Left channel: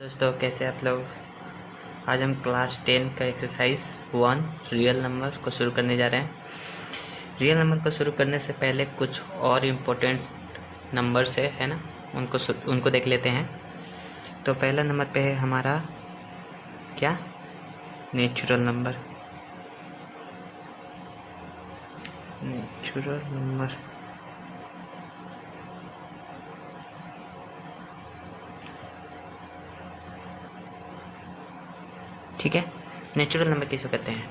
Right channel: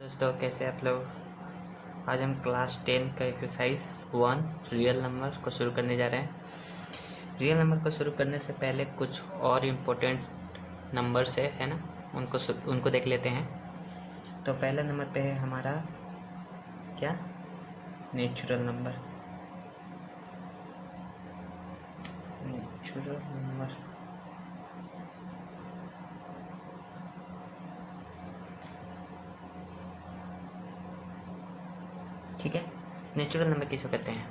दोस्तों कैसे आप लोग। आज हम क्लास 10 का एक्सरसाइज 1 रियल नंबर को शुरू करने जा रहे हैं। रियल नंबर को शुरू करने से पहले कुछ और इम्पोर्टेंट नंबर्स है ना, उनको देख लेते हैं। तो पहला नंबर पे है हमारा क्या, नेचुरल नंबर। नेचुरल नंबर ठीक है। नेचुरल नंबर किसको कहते हैं?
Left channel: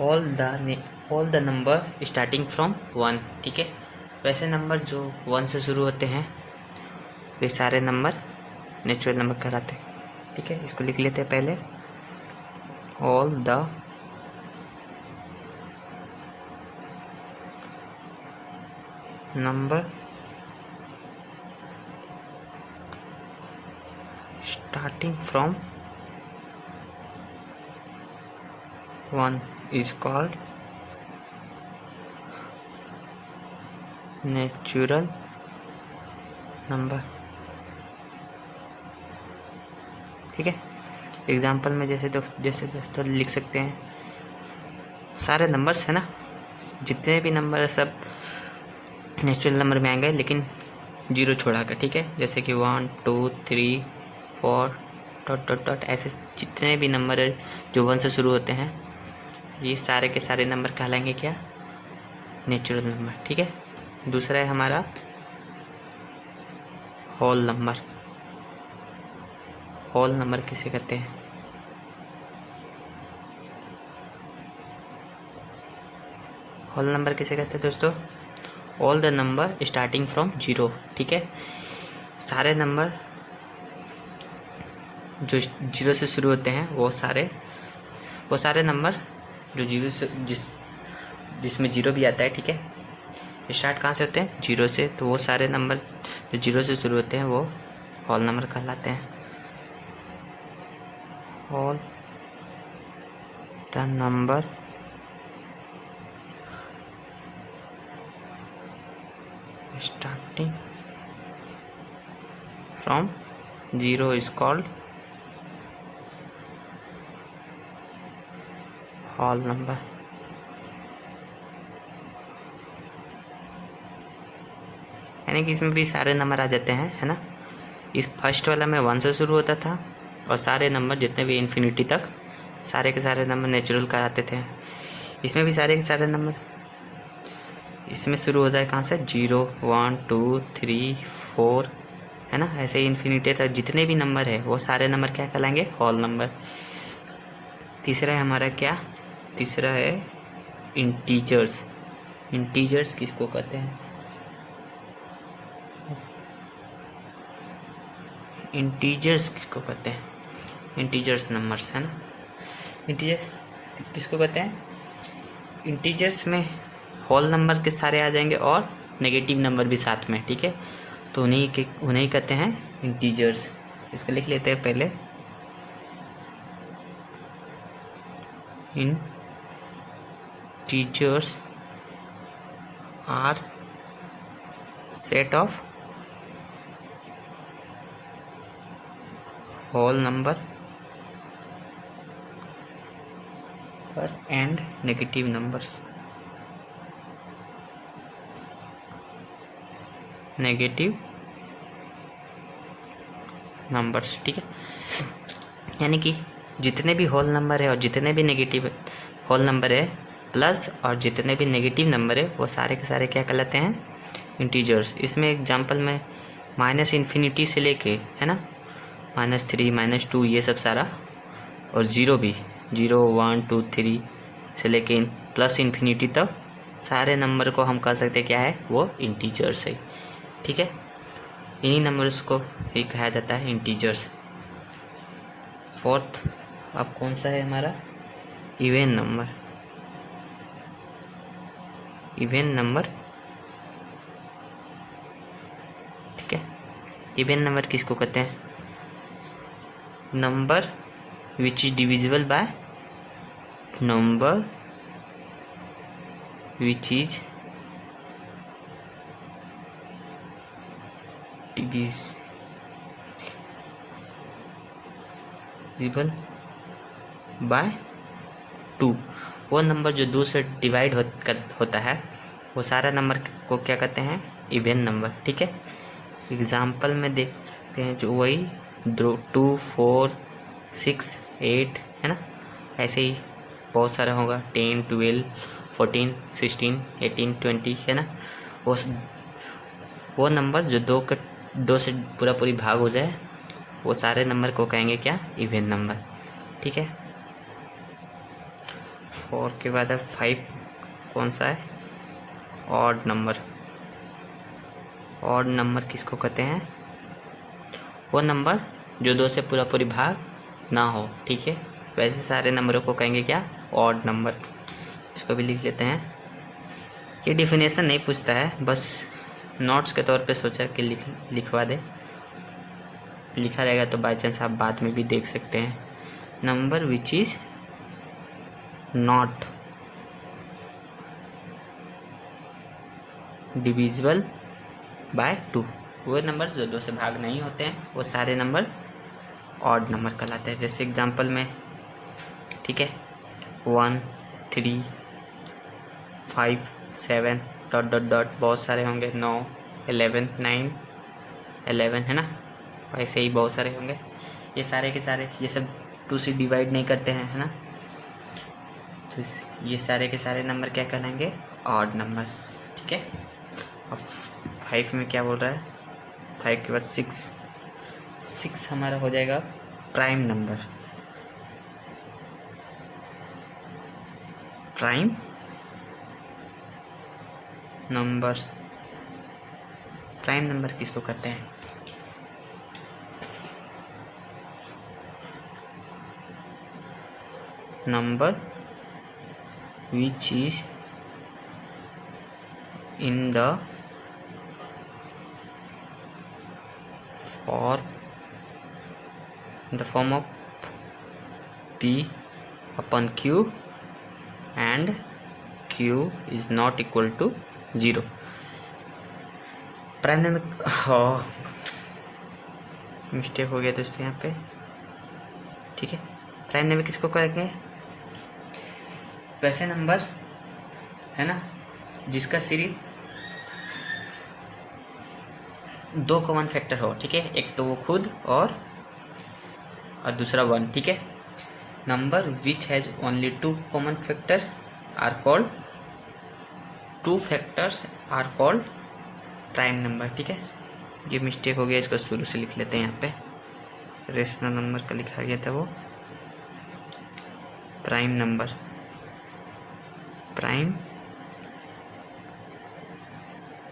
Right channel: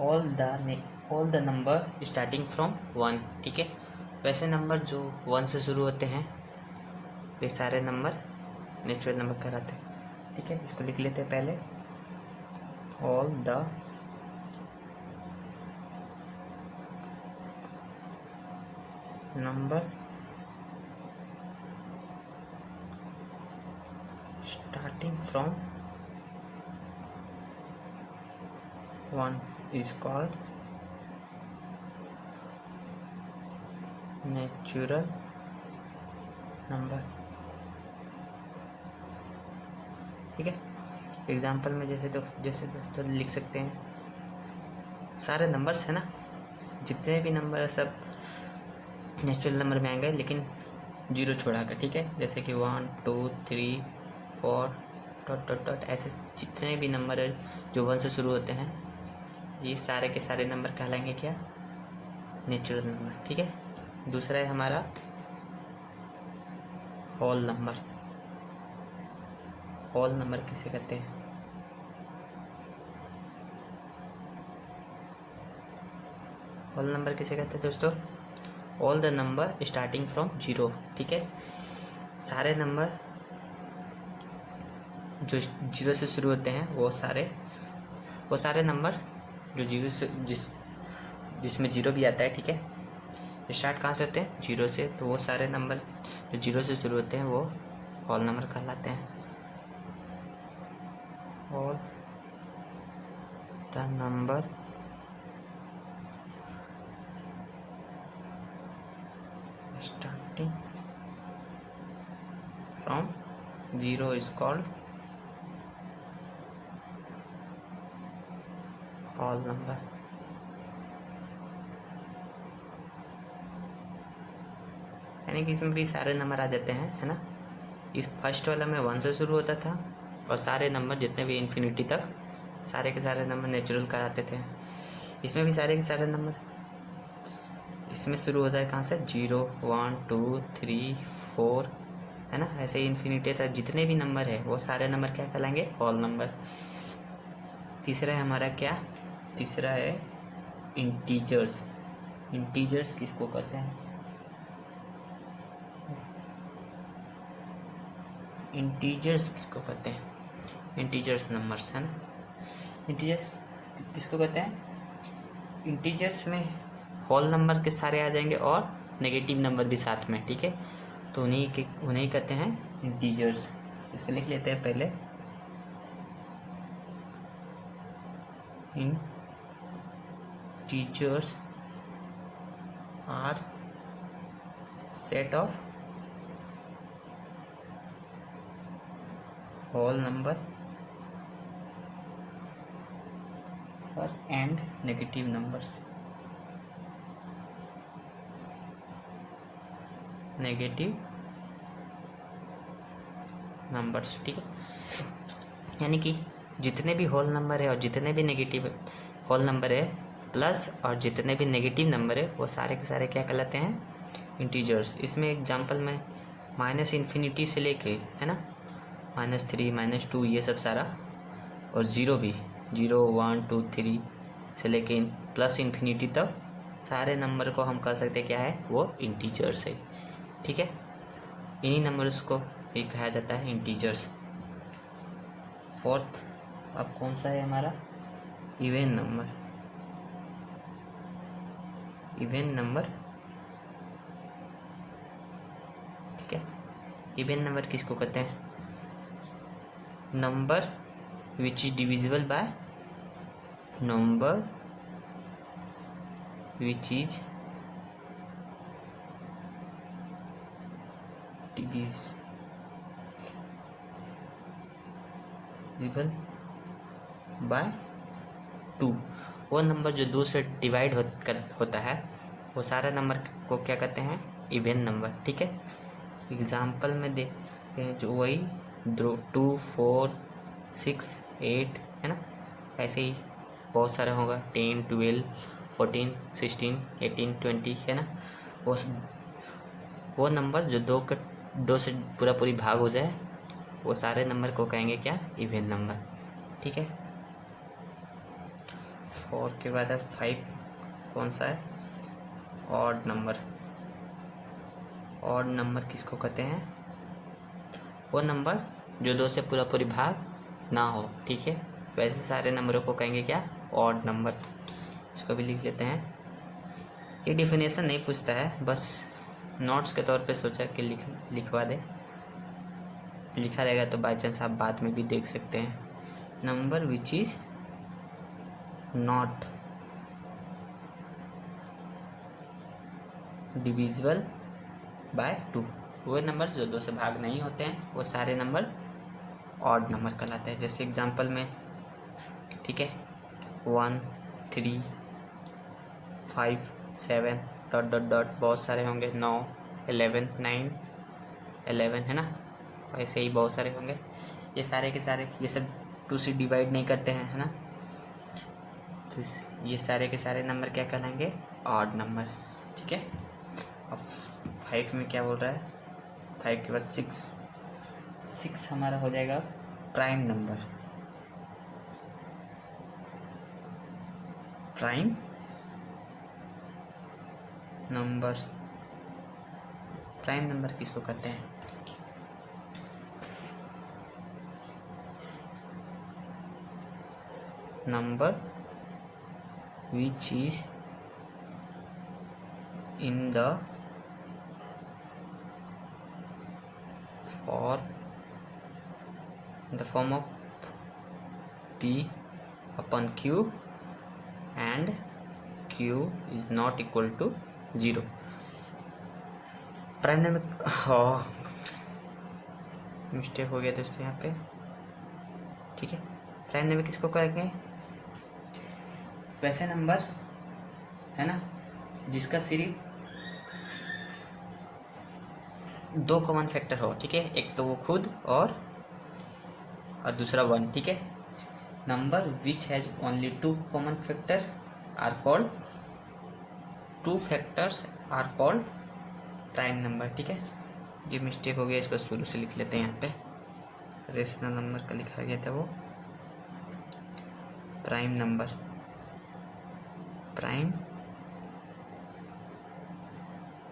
All the number starting from 1। ठीक है, वैसे नंबर जो 1 से शुरू होते हैं वे सारे नंबर नेचुरल नंबर कहलाते हैं। ठीक है, इसको लिख लेते हैं पहले। All the number starting from 1 is called natural number. ठीक है, एग्जाम्पल में जैसे दोस्तों लिख सकते हैं, सारे नंबर्स है ना, जितने भी नंबर है सब नेचुरल नंबर में आएंगे, लेकिन जीरो छोड़ा कर। ठीक है, जैसे कि 1 2 3 4 डॉट डॉट डॉट, ऐसे जितने भी नंबर है जो 1 से शुरू होते हैं, ये सारे के सारे नंबर कहलाएंगे क्या, नेचुरल नंबर। ठीक है, दूसरा है हमारा होल नंबर। होल नंबर किसे कहते हैं? होल नंबर किसे कहते हैं दोस्तों? All the number starting from 0। ठीक है, सारे नंबर जो 0 से शुरू होते हैं वो सारे नंबर जो जीरो से जिसमें 0 भी आता है। ठीक है, स्टार्ट कहाँ से होते हैं? 0 से। तो वो सारे नंबर जो 0 से शुरू होते हैं वो होल नंबर कहलाते हैं। All the number starting from 0 is called whole number. यानी कि इसमें भी सारे नंबर आ जाते हैं, है ना। इस फर्स्ट वाला में 1 से शुरू होता था, और सारे नंबर जितने भी इन्फिनिटी तक सारे के सारे नंबर नेचुरल कराते थे। इसमें भी सारे के सारे नंबर इसमें शुरू होता है कहाँ से? 0 1 2 3 4, है ना। ऐसे ही इन्फिनिटी तक जितने भी नंबर है वो सारे नंबर क्या कहलाएंगे? Whole number. तीसरा है हमारा क्या? तीसरा है इंटीजर्स। इंटीजर्स किसको कहते हैं? इंटीजर्स किसको कहते हैं? इंटीजर्स नंबर्स, है ना। इंटीजर्स किसको कहते हैं? इंटीजर्स में होल नंबर के सारे आ जाएंगे और नेगेटिव नंबर भी साथ में। ठीक है, तो उन्हें कहते हैं इंटीजर्स। इसको लिख लेते हैं पहले। Integers are set of whole number and negative numbers. Negative numbers, ठीक है। यानी कि जितने भी होल नंबर है और जितने भी नेगेटिव होल नंबर है प्लस और जितने भी नेगेटिव नंबर है वो सारे के सारे क्या कहलाते हैं? इंटीजर्स। इसमें एग्जांपल में माइनस इन्फिनिटी से लेके, है ना, -3 -2 ये सब सारा, और ज़ीरो भी, 0 1 2 3 से लेके प्लस इन्फिनिटी तक सारे नंबर को हम कह सकते हैं क्या है? वो इंटीजर्स है। ठीक है, इन्हीं नंबर्स को ही कहा जाता है इंटीजर्स। फोर्थ अब कौन सा है हमारा? Even number. इवन नंबर, ठीक है। इवन नंबर किसको कहते हैं? Number which is divisible by number which is divisible by 2। वो नंबर जो 2 से डिवाइड होता है वो सारा नंबर को क्या कहते हैं, इवन नंबर। ठीक है, एग्जाम्पल में देख सकते हैं जो वही 2, 4, 6, 8 है ना, ऐसे ही बहुत सारा होगा 10, 12, 14, 16, 18, 20 है ना। वो नंबर जो 2 से पूरा पूरी भाग हो जाए वो सारे नंबर को कहेंगे क्या, इवन नंबर। ठीक है, 4 के बाद है 5, कौन सा है, ऑड नंबर। ऑड नंबर किसको कहते हैं, वो नंबर जो 2 से पूरा पूरी भाग ना हो। ठीक है, वैसे सारे नंबरों को कहेंगे क्या, ऑड नंबर। इसको भी लिख लेते हैं। ये डिफिनेशन नहीं पूछता है, बस नोट्स के तौर पे सोचा कि लिखवा दे। लिखा रहेगा तो बाई चांस आप बाद में भी देख सकते हैं। Number which is not divisible by 2, वो नंबर जो 2 से भाग नहीं होते हैं वो सारे नंबर ऑड नंबर कहलाते हैं। जैसे एग्जांपल में, ठीक है, 1, 3, 5, 7 ... बहुत सारे होंगे, 9, 11, 9, 11 है ना, ऐसे ही बहुत सारे होंगे। ये सारे के सारे ये सब 2 से डिवाइड नहीं करते हैं, है ना, तो ये सारे के सारे नंबर क्या कहलाएंगे, ऑड नंबर। ठीक है, अब 5 में क्या बोल रहा है, 5 के बाद 6 हमारा हो जाएगा prime number. Prime numbers, prime number किसको कहते हैं, number which is in the form of P/Q and Q is not equal to 0। Prime number, mistake हो गया दोस्तों यहाँ पे। ठीक है, प्राइम नंबर किसको कहेंगे, वैसे नंबर है ना जिसका सिर्फ 2 कॉमन फैक्टर हो। ठीक है, एक तो वो खुद और दूसरा 1। ठीक है, number which has only 2 common factor are called 2 factors are called prime number. ठीक है, ये मिस्टेक हो गया, इसको शुरू से लिख लेते हैं। यहाँ पे रेशनल नंबर का लिखा गया था वो प्राइम नंबर, प्राइम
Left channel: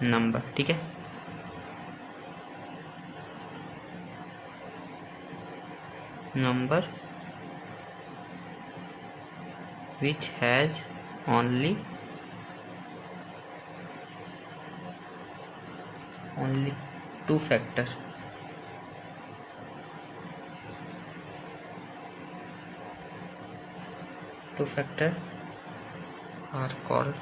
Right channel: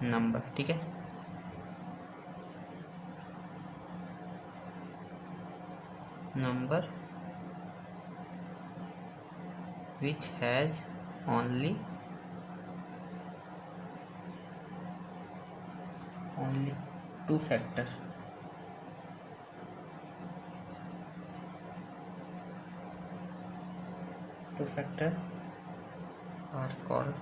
नंबर। ठीक है, number which has only 2 factor are called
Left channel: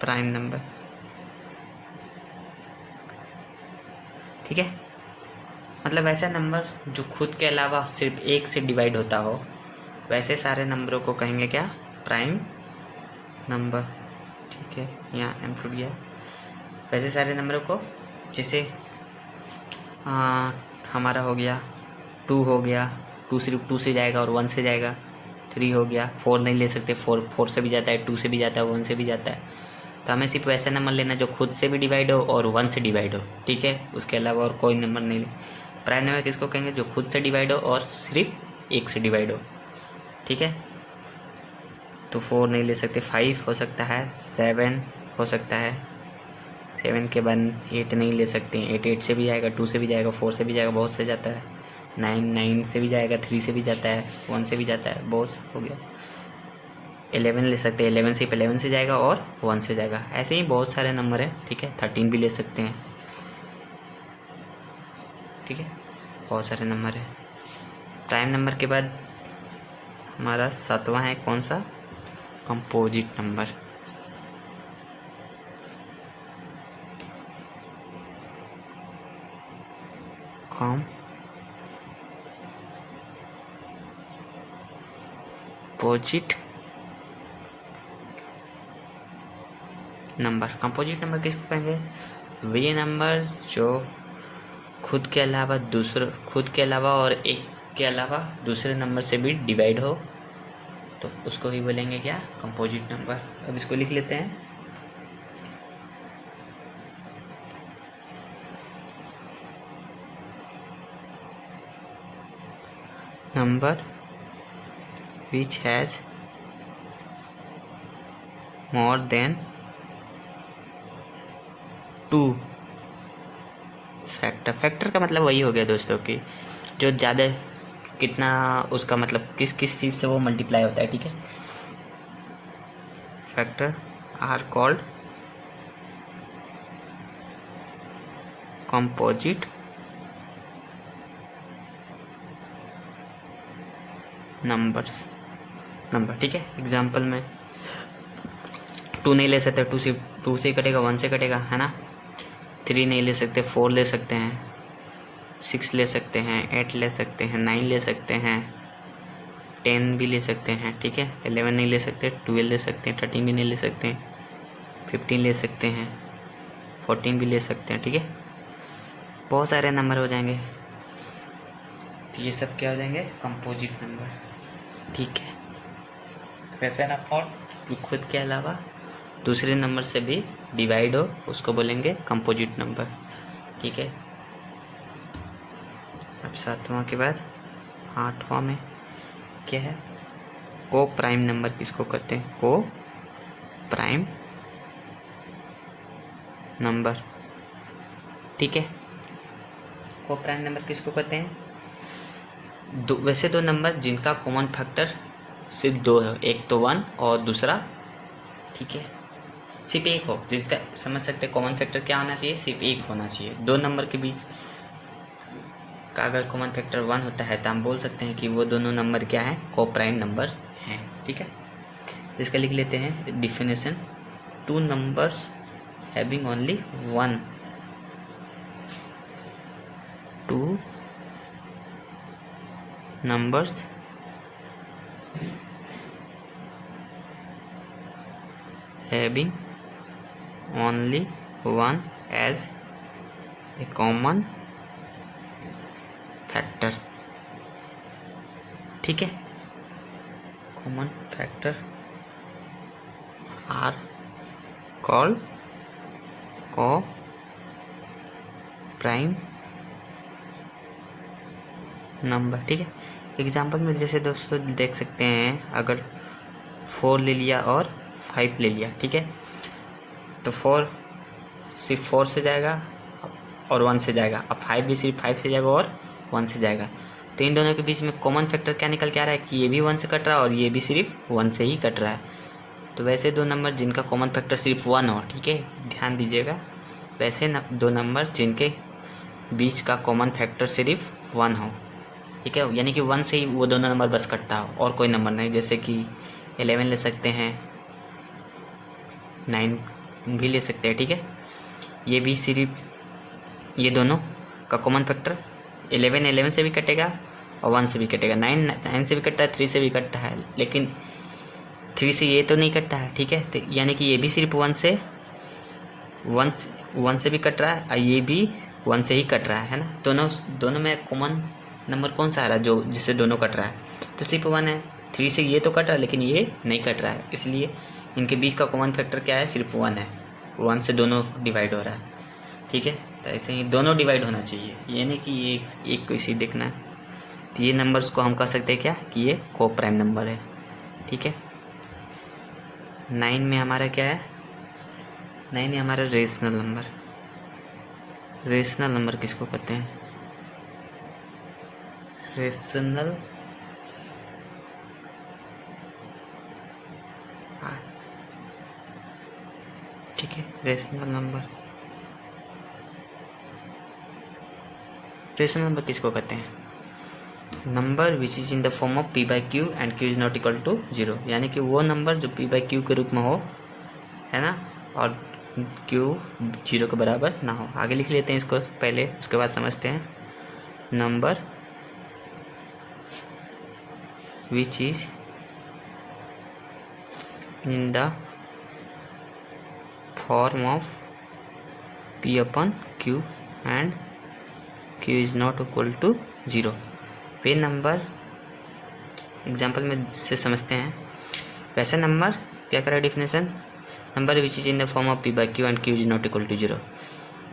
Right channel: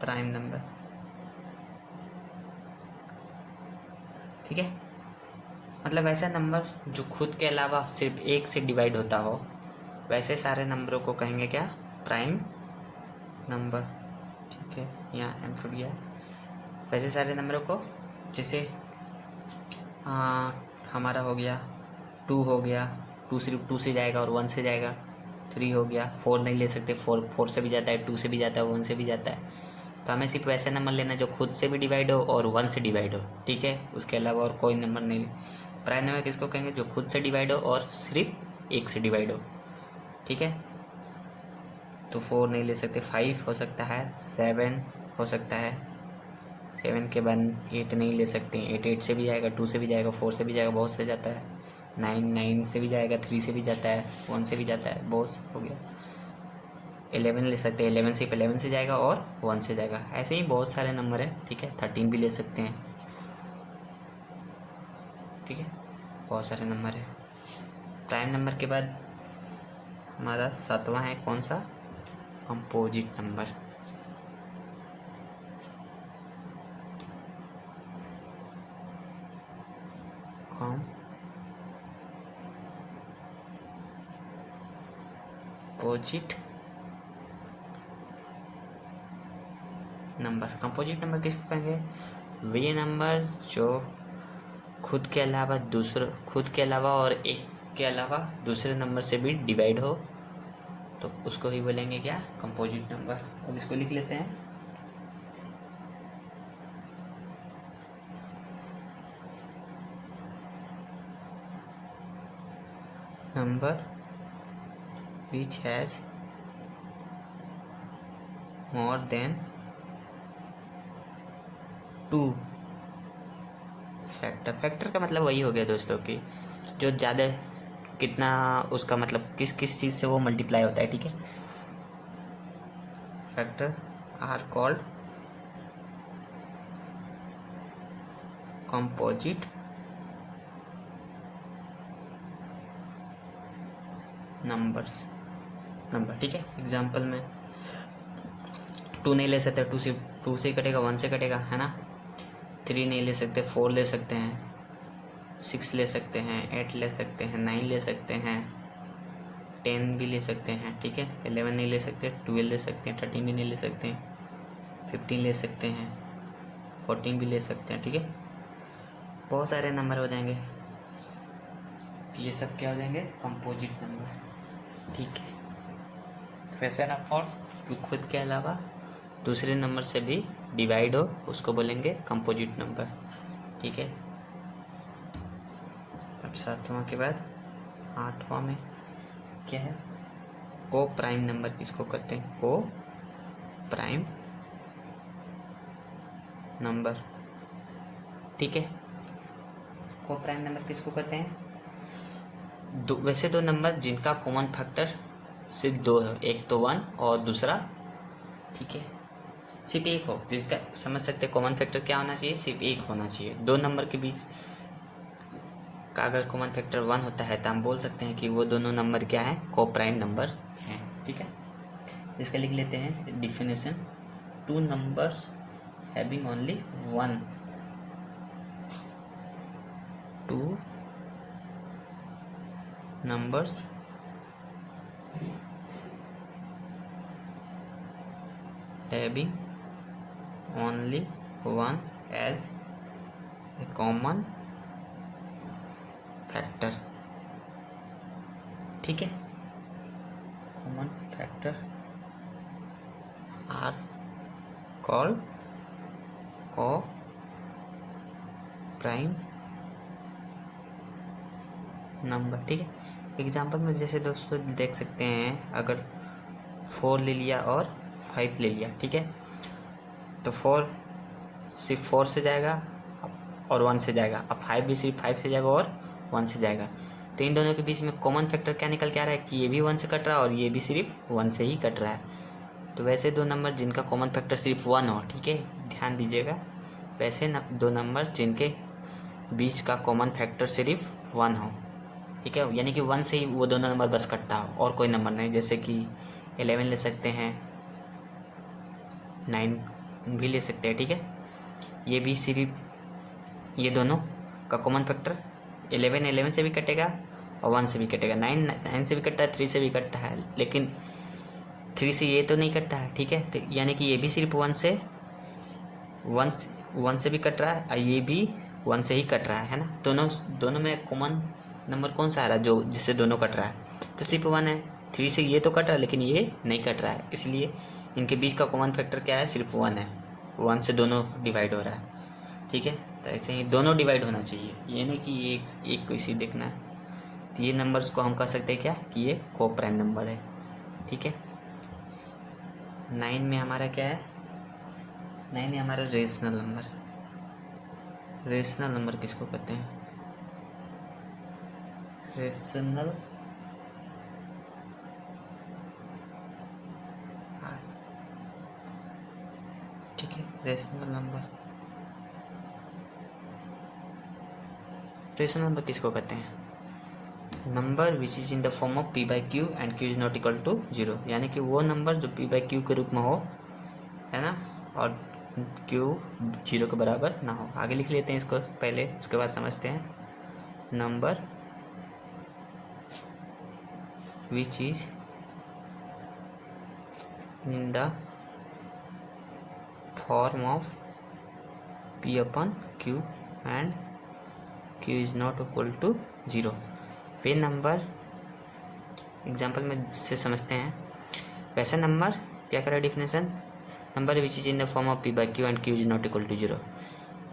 prime number. ठीक है, मतलब ऐसा नंबर जो खुद के अलावा सिर्फ 1 से डिवाइड होता हो, वैसे सारे नंबरों को कहेंगे क्या, प्राइम नंबर। ठीक है, यहाँ एम टू गया, वैसे सारे नंबरों को, जैसे हमारा हो गया 2 हो गया, 2 सिर्फ 2 से जाएगा और 1 से जाएगा, 3 हो गया, 4 नहीं ले सकते, 4 से भी जाता है, 2 से भी जाता है, 1 से भी जाता है। तो हमें सिर्फ वैसा नंबर लेना जो खुद से भी डिवाइड हो और 1 से डिवाइड हो। ठीक है, उसके अलावा और कोई नंबर नहीं। प्राइम नंबर किसको कहेंगे, जो खुद से डिवाइड हो और सिर्फ 1 से डिवाइड हो। ठीक है, तो 4 नहीं ले सकते, 5 हो सकता है, 7 हो सकता है, 7 के बाद 8 नहीं ले सकते, 8 से भी जाएगा, 2 से भी जाएगा, 4 से भी जाएगा, बहुत से जाता है, 9 से भी जाएगा, 3 से भी जाता है, 1 से भी जाता है, बहुत हो गया। 11 ले सकते हैं, 11 सिर्फ 11 से जाएगा और 1 से जाएगा, ऐसे ही बहुत सारे नंबर है। ठीक है, 13 भी ले सकते हैं। ठीक है, बहुत सारे नंबर है। प्राइम नंबर के बाद हमारा 7वां है कौन सा, composite number. Composite number. Composite number किसको कहेंगे? वे नंबर जो खुद के अलावा और एक के अलावा दूसरे नंबर से भी डिवाइड हो, तो उसको ही बोलेंगे क्या? Composite number. अब इसको लिख लेते हैं। Number which has more than 2 factor का मतलब वही हो गया दोस्तों कि जो ज़्यादा कितना, उसका मतलब किस किस चीज़ से वो मल्टीप्लाई होता है। ठीक है, factor are called composite number. ठीक है, एग्जाम्पल में 2 नहीं ले सकते, 2 से कटेगा, 1 से कटेगा, है ना। 3 नहीं ले सकते, 4 ले सकते हैं, 6 ले सकते हैं, 8 ले सकते हैं, 9 ले सकते हैं, 10 भी ले सकते हैं। ठीक है, 11 नहीं ले सकते, 12 ले सकते हैं, 13 भी नहीं ले सकते हैं, 15 ले सकते हैं, 14 भी ले सकते हैं। ठीक है, बहुत सारे नंबर हो जाएंगे, तो ये सब क्या हो जाएंगे? Composite number. ठीक है, वैसे ना, और खुद के अलावा दूसरे नंबर से भी डिवाइड हो, उसको बोलेंगे कंपोजिट नंबर। ठीक है, अब 7वां के बाद 8वां में क्या है? को प्राइम नंबर किसको कहते हैं? को प्राइम नंबर। ठीक है, को प्राइम नंबर किसको कहते हैं? वैसे दो नंबर जिनका कॉमन फैक्टर सिर्फ 2 है, एक तो 1 और दूसरा, ठीक है, सिर्फ एक हो, जिनका समझ सकते कॉमन फैक्टर क्या होना चाहिए? सिर्फ एक होना चाहिए। दो नंबर के बीच का अगर कॉमन फैक्टर 1 होता है तो हम बोल सकते हैं कि वो दोनों नंबर क्या है? को प्राइम नंबर हैं। ठीक है, इसका लिख लेते हैं definition. 2 numbers having only 1, 2 numbers having only 1 as a common factor। ठीक है, common factor are called co-prime number. ठीक है, एग्जाम्पल में जैसे दोस्तों देख सकते हैं, अगर 4 ले लिया और 5 ले लिया, ठीक है, तो 4 सिर्फ 4 से जाएगा और 1 से जाएगा, अब 5 भी सिर्फ 5 से जाएगा और 1 से जाएगा। तो इन दोनों के बीच में कॉमन फैक्टर क्या निकल के आ रहा है कि ये भी 1 से कट रहा है और ये भी सिर्फ 1 से ही कट रहा है। तो वैसे दो नंबर जिनका कॉमन फैक्टर सिर्फ 1 हो, ठीक है, ध्यान दीजिएगा, वैसे दो नंबर जिनके बीच का कॉमन फैक्टर सिर्फ 1 हो, ठीक है, यानी कि 1 से ही वो दोनों नंबर बस कटता हो और कोई नंबर नहीं। जैसे कि 11 ले सकते हैं, 9 भी ले सकते हैं। ठीक है, ये भी सिर्फ ये दोनों का कॉमन फैक्टर 11 से भी कटेगा और 1 से भी कटेगा, 9 से भी कटता है, 3 से भी कटता है, लेकिन 3 से ये तो नहीं कटता है। ठीक है, तो यानी कि ये भी सिर्फ 1 से भी कट रहा है और ये भी 1 से ही कट रहा है ना। दोनों में कॉमन नंबर कौन सा आ रहा है जो जिससे दोनों कट रहा है? तो सिर्फ 1 है। 3 से ये तो कट रहा है लेकिन ये नहीं कट रहा है, इसलिए इनके बीच का कॉमन फैक्टर क्या है? सिर्फ 1 है। 1 से दोनों डिवाइड हो रहा है। ठीक है, तो ऐसे ही दोनों डिवाइड होना चाहिए, ये नहीं कि ये एक को इसी देखना है। तो ये नंबर्स को हम कह सकते हैं क्या कि ये को प्राइम नंबर है। ठीक है, 9 में हमारा क्या है? 9 है हमारा रेशनल नंबर। रेशनल नंबर किसको कहते हैं? रेशनल ठीक है, रेशनल नंबर किसको कहते हैं? Number which is in the form of p/q and q is not equal to 0, यानी कि वो नंबर जो p/q के रूप में हो, है ना, और q 0 के बराबर ना हो। आगे लिख लेते हैं इसको पहले, उसके बाद समझते हैं। Number which is in the form of p upon q and q is not equal to 0। वे नंबर एग्जाम्पल में से समझते हैं। वैसा नंबर क्या करा definition, number which is in the form of P by Q and Q is not equal to 0।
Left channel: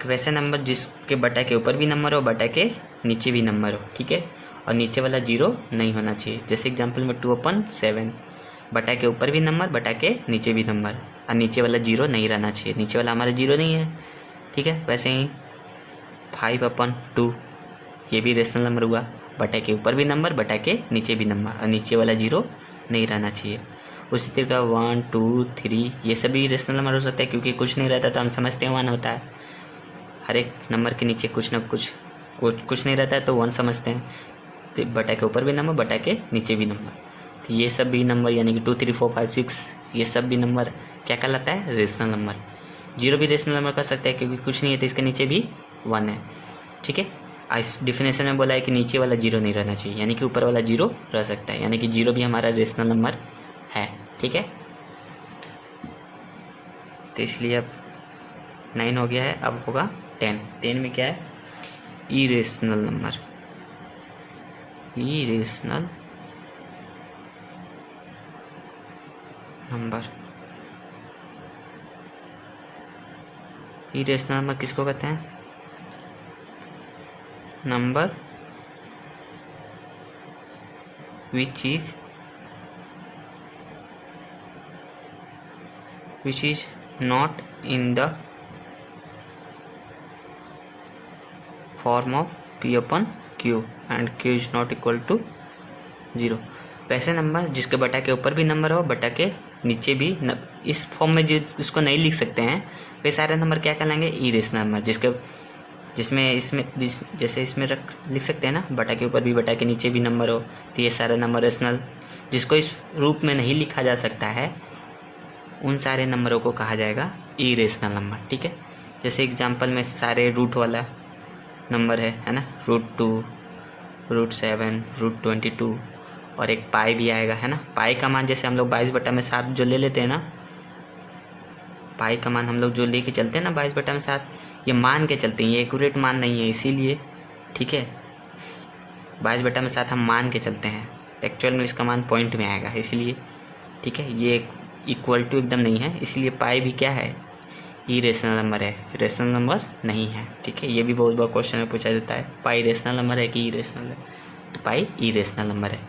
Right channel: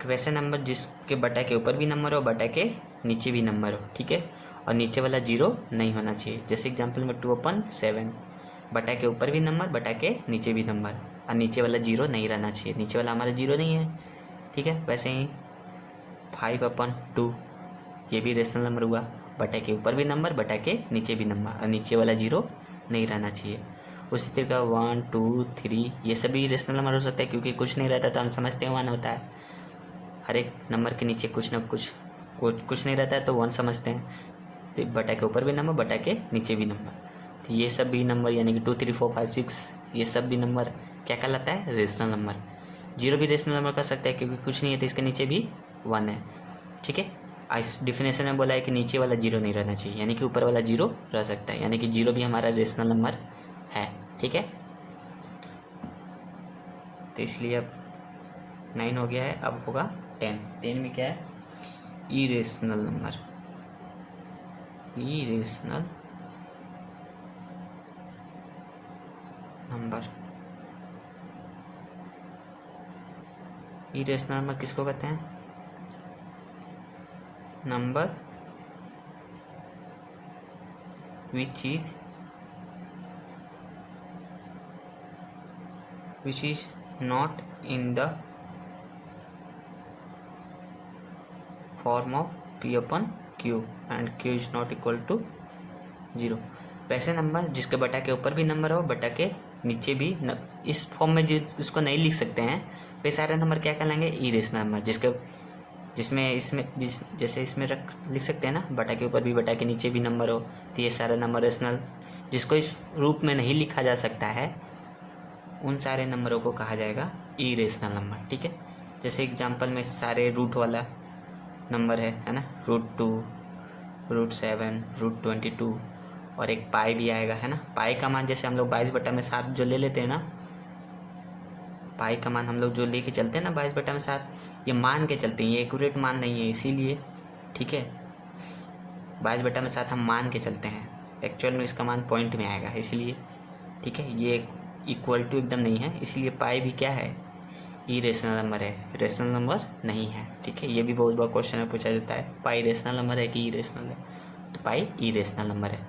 वैसा number जिसके बटा के ऊपर भी नंबर हो, बटा के नीचे भी नंबर हो, ठीक है, और नीचे वाला 0 नहीं होना चाहिए। जैसे एग्जाम्पल में 2/7, बटा के ऊपर भी नंबर, बटा के नीचे भी नंबर, और नीचे वाला 0 नहीं रहना चाहिए, नीचे वाला हमारा 0 नहीं है, ठीक है। वैसे ही 5/2 ये भी रेशनल नंबर हुआ, बटा के ऊपर भी नंबर, बटा के नीचे भी नंबर, और नीचे वाला 0 नहीं रहना चाहिए। उसी तरीके 1 2 3 ये सभी रेशनल नंबर हो सकते हैं, क्योंकि कुछ नहीं रहता तो हम समझते हैं 1 होता है। हर एक नंबर के नीचे कुछ ना कुछ नहीं रहता है तो 1 समझते हैं। तो बटा के ऊपर भी नंबर, बटा के नीचे भी नंबर, तो ये सब भी नंबर यानी कि 2 3 4 5 6 ये सब भी नंबर क्या कहलाता है, रेशनल नंबर। 0 भी रेशनल नंबर कर सकते हैं, क्योंकि कुछ नहीं है तो इसके नीचे भी 1 है, ठीक है। इस डिफिनेशन में बोला है कि नीचे वाला 0 नहीं रहना चाहिए, यानी कि ऊपर वाला 0 रह सकता है, यानी कि 0 भी हमारा रेशनल नंबर है, ठीक है। तो इसलिए अब 9 हो गया है, अब होगा 10 में क्या है, irrational number. Irrational number, irrational number किसको कहते हैं, number which is not in the form of p upon q and q is not equal to 0। वैसे नंबर जिसके बटा के ऊपर भी नंबर हो, बटा के नीचे भी इस फॉर्म में जिसको नहीं लिख सकते हैं वे सारे नंबर क्या कहलाएंगे, इरेशनल नंबर। जैसे इसमें लिख सकते हैं ना, बटा के ऊपर भी, बटा के नीचे भी नंबर हो, तो ये सारे नंबर रेशनल। जिसको इस रूप में नहीं लिखा जा सकता है उन सारे नंबरों को कहा जाएगा इरेशनल नंबर, ठीक है। जैसे एग्जांपल में सारे रूट वाला नंबर है ना, √2, √7, √22 और एक पाई भी आएगा, है ना। पाई का मान जैसे हम लोग 22/7 जो ले लेते हैं ना, पाई का मान हम लोग जो लेके चलते हैं ना 22/7, ये मान के चलते हैं, ये एक्यूरेट मान नहीं है, इसीलिए, ठीक है। 22/7 हम मान के चलते हैं, एक्चुअल में इसका मान पॉइंट में आएगा, इसीलिए, ठीक है। ये इक्वल टू एकदम नहीं है, इसलिए पाई भी क्या है, इरेशनल नंबर है, रेशनल नंबर नहीं है, ठीक है। ये भी बहुत बार क्वेश्चन में पूछा जाता है, पाई रेशनल नंबर है कि इरेशनल है, तो पाई इरेशनल नंबर है।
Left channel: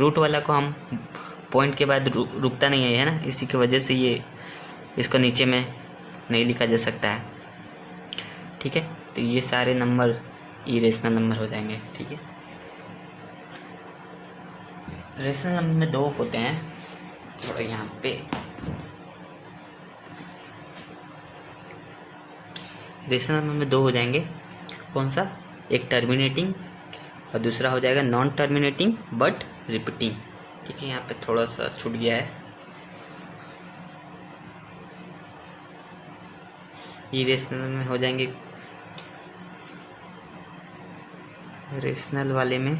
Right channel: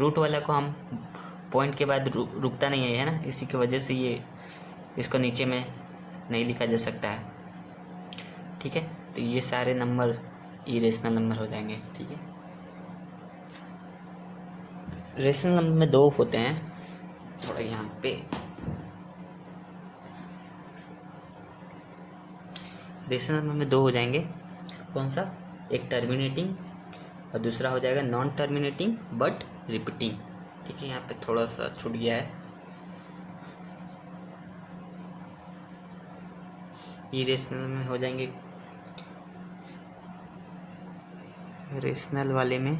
रूट वाला को हम पॉइंट के बाद रुकता नहीं है ना, इसी की वजह से ये इसको नीचे में नहीं लिखा जा सकता है, ठीक है। तो ये सारे नंबर इरेशनल नंबर हो जाएंगे, ठीक है। रेशनल नंबर में 2 होते हैं, और यहाँ पे रेशनल नंबर में 2 हो जाएंगे, कौन सा, एक टर्मिनेटिंग और दूसरा हो जाएगा नॉन टर्मिनेटिंग बट रिपीटिंग, ठीक है। यहाँ पे थोड़ा सा छूट गया है। इरेशनल में हो जाएंगे, रेशनल वाले में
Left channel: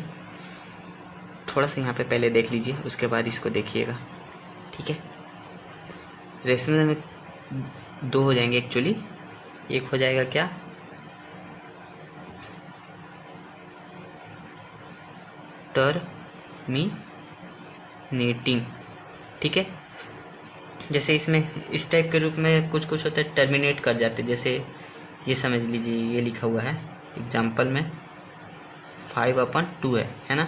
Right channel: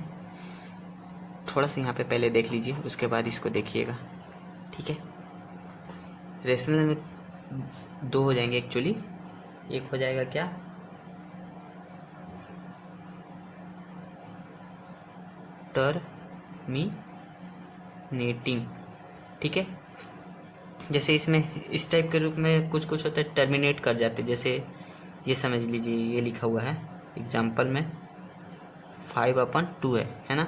थोड़ा सा यहाँ पे पहले देख लीजिए, उसके बाद इसको देखिएगा, ठीक है। रेशनल में 2 हो जाएंगे एक्चुअली, एक हो जाएगा क्या, टर्मिनेटिंग, ठीक है। जैसे इसमें इस टाइप के रूप में कुछ होता है, टर्मिनेट कर जाते, जैसे ये समझ लीजिए, ये लिखा हुआ है एग्जाम्पल में 5/2 है ना।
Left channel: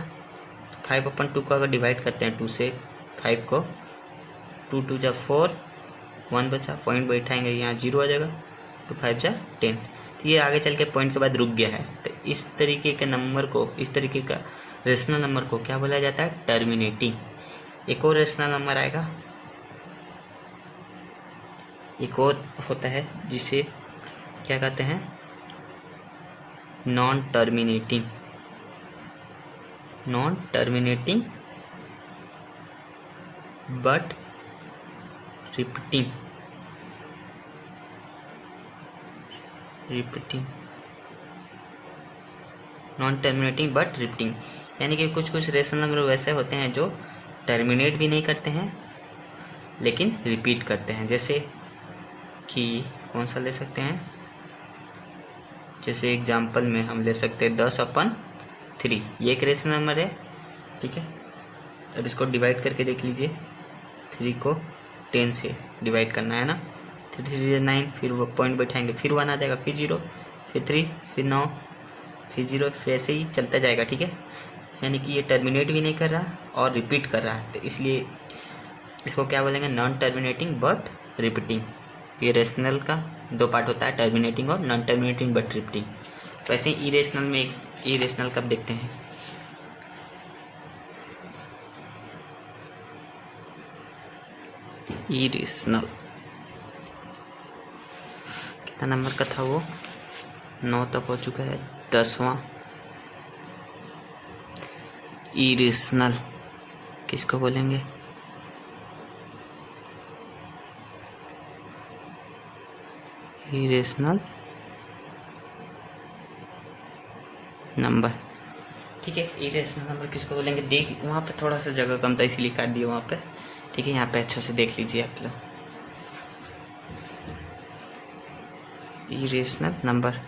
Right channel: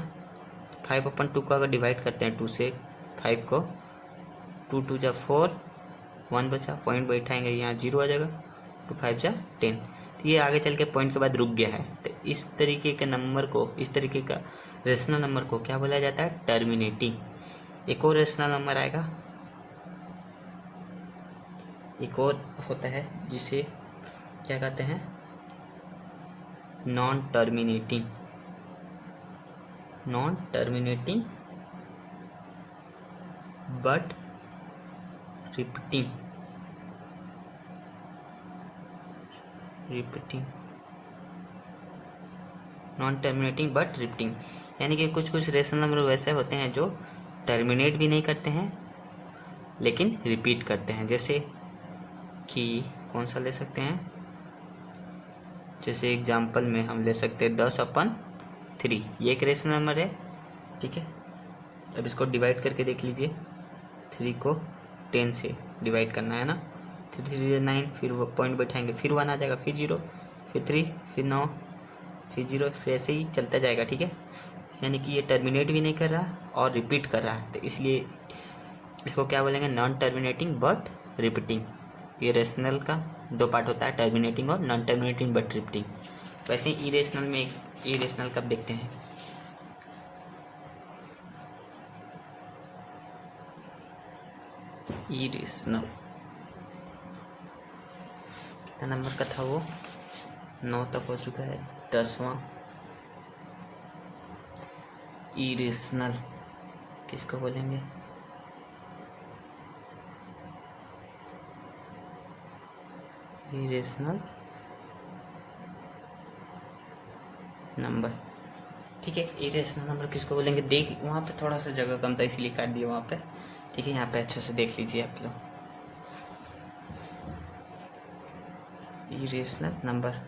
5/2 को अगर डिवाइड करते हैं 2 से 5 को, 2 2 जा 4, 1 बचा, पॉइंट बैठाएंगे, यहाँ 0 आ जाएगा, 2 5 जा 10, तो ये आगे चल के पॉइंट के बाद रुक गया है। तो इस तरीके के नंबर को, इस तरीके का रेशनल नंबर को क्या बोला जाता है, टर्मिनेटिंग। एक और रेशनल नंबर आएगा, एक और होता है जिसे क्या कहते हैं, non terminating but repeating, non terminating but repeating, यानी कि कुछ कुछ रेशनल नंबर वैसे होते हैं जो टर्मिनेट भी नहीं करते हैं लेकिन रिपीट करते हैं। जैसे कि कौन सा ले सकते हैं, जैसे एग्जांपल में हम ले सकते हैं 10/3, ये एक रेशनल नंबर है, ठीक है। अब इसको डिवाइड करके देख लीजिए, 3 को 10 से डिवाइड करना है ना, 3 3 9, फिर वो पॉइंट बैठाएंगे, फिर 1 आ जाएगा, फिर 0, फिर 3, फिर 9, फिर 0, फिर ऐसे ही चलता जाएगा, ठीक है। यानी कि ये टर्मिनेट भी नहीं कर रहा और रिपीट कर रहा है, तो इसलिए इसको क्या बोलेंगे, नॉन टर्मिनेटिंग बट रिपीटिंग। ये रेशनल का दो पार्ट होता है, टर्मिनेटिंग और नॉन टर्मिनेटिंग बट रिपीटिंग। वैसे ही इरेशनल में एक इरेशनल कब देखते हैं, इरेशनल कितना नंबर का था वो, 9 तक हो चुका है, 10वां इरेशनल किसको बोलेंगे, इरेशनल नंबर, ठीक है। इरेशनल नंबर किसको बोलेंगे, देख वहाँ पे थोड़ा सा जगह कम था इसलिए काट दिया वहाँ पे, ठीक है। यहाँ पे अच्छे से देख लीजिए आप लोग, irrational number,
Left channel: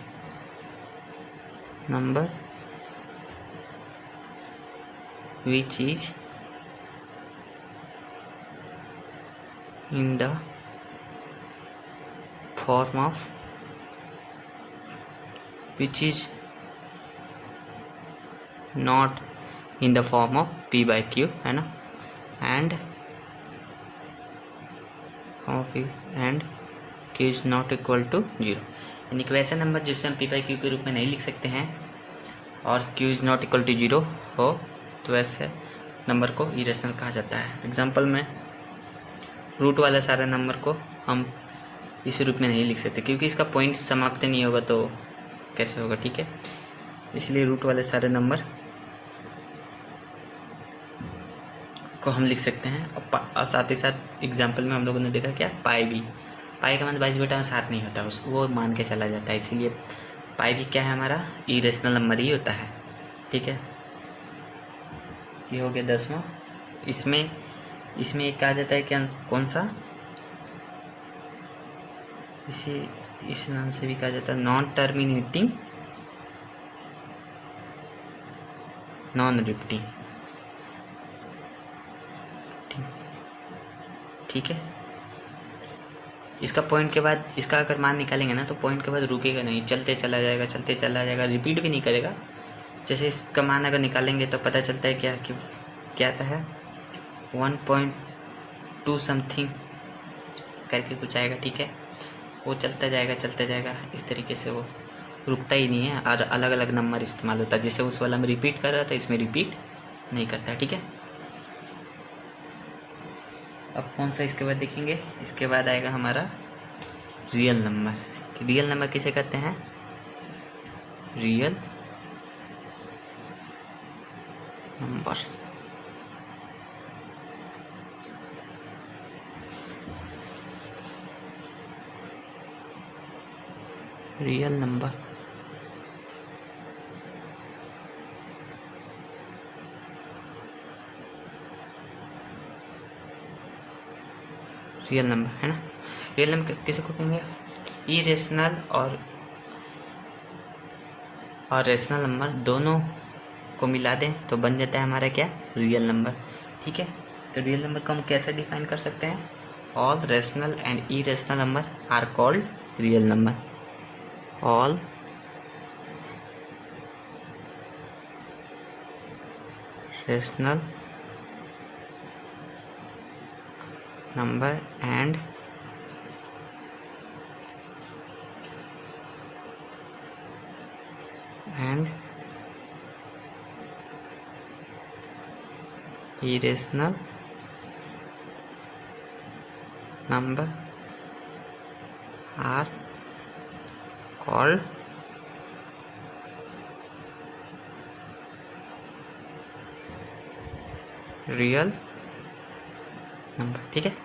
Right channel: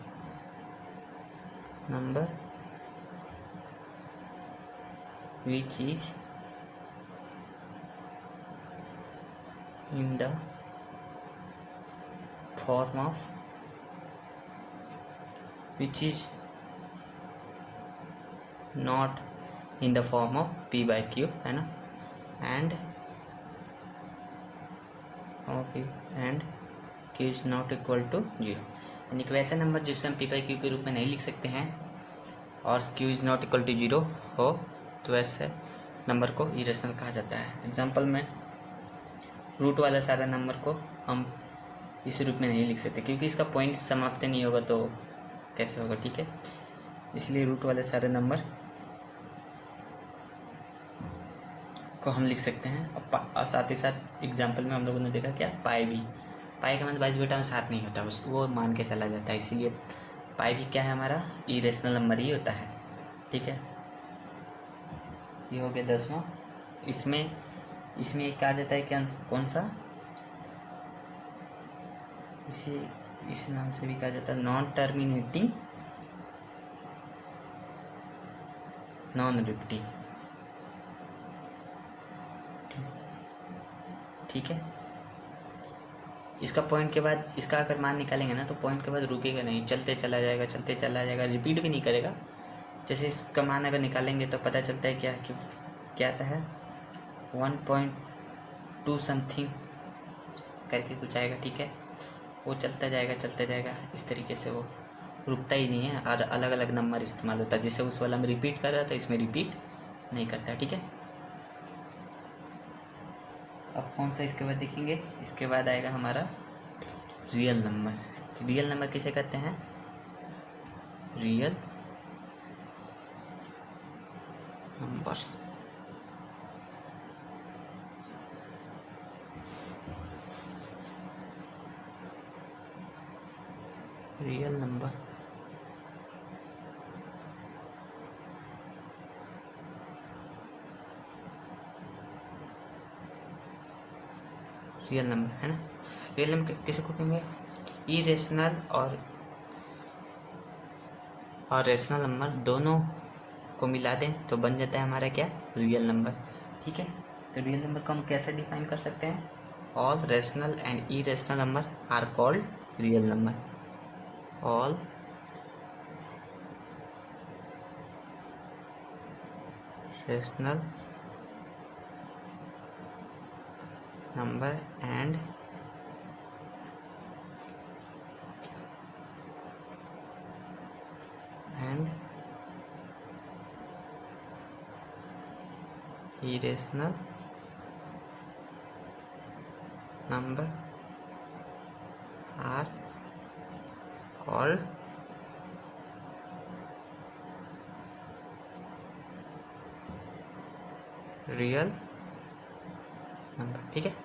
number which is in the form of, which is not in the form of p by q, है ना, and and q is not equal to 0, यानी कि वैसे नंबर जिसे हम p by q के रूप में नहीं लिख सकते हैं और q is not equal to 0 हो, तो वैसे नंबर को इरेशनल कहा जाता है। एग्जांपल में रूट वाला सारे नंबर को हम इस रूप में नहीं लिख सकते क्योंकि इसका पॉइंट समाप्त नहीं होगा, तो कैसे होगा, ठीक है। इसलिए रूट वाले सारे नंबर को हम लिख सकते हैं। और साथ ही साथ एग्जांपल में हम लोगों ने देखा क्या, पाई भी, पाई का मान 22 में 7 नहीं होता, उस वो मान के चला जाता है, इसीलिए पाई भी क्या है, हमारा इरेशनल नंबर ही होता है, ठीक है। ये हो गया 10वां। इसमें एक कहा जाता है क्या, कौन सा, इस नाम से भी कहा जाता है नॉन टर्मिनेटिंग नॉन रिपीटिंग, ठीक है। इसका पॉइंट के बाद इसका अगर मान निकालेंगे ना तो पॉइंट के बाद रुकेगा नहीं, चलते चला जाएगा, चलते चला जाएगा, रिपीट भी नहीं करेगा। जैसे इसका मान अगर निकालेंगे तो पता चलता है क्या कि क्या आता है 1.2 समथिंग करके कुछ आएगा, ठीक है। वो चलता जाएगा इस तरीके से, वो रुकता ही नहीं है और अलग अलग नंबर इस्तेमाल होता है। जैसे उस वाला में रिपीट कर रहा था, इसमें रिपीट नहीं करता, ठीक है। अब कौन सा इसके बाद देखेंगे, इसके बाद आएगा हमारा रियल नंबर। रियल नंबर किसे कहते हैं, real number, real number real number है ना। रियल नंबर किसे को कहेंगे, इरेशनल और रेशनल नंबर दोनों को मिला दें तो बन जाता है हमारा क्या, रियल नंबर, ठीक है। तो रियल नंबर को हम कैसे डिफाइन कर सकते हैं, all rational and irrational number are called real number, ऑल रेशनल number and irrational number are called real number, ठीक है।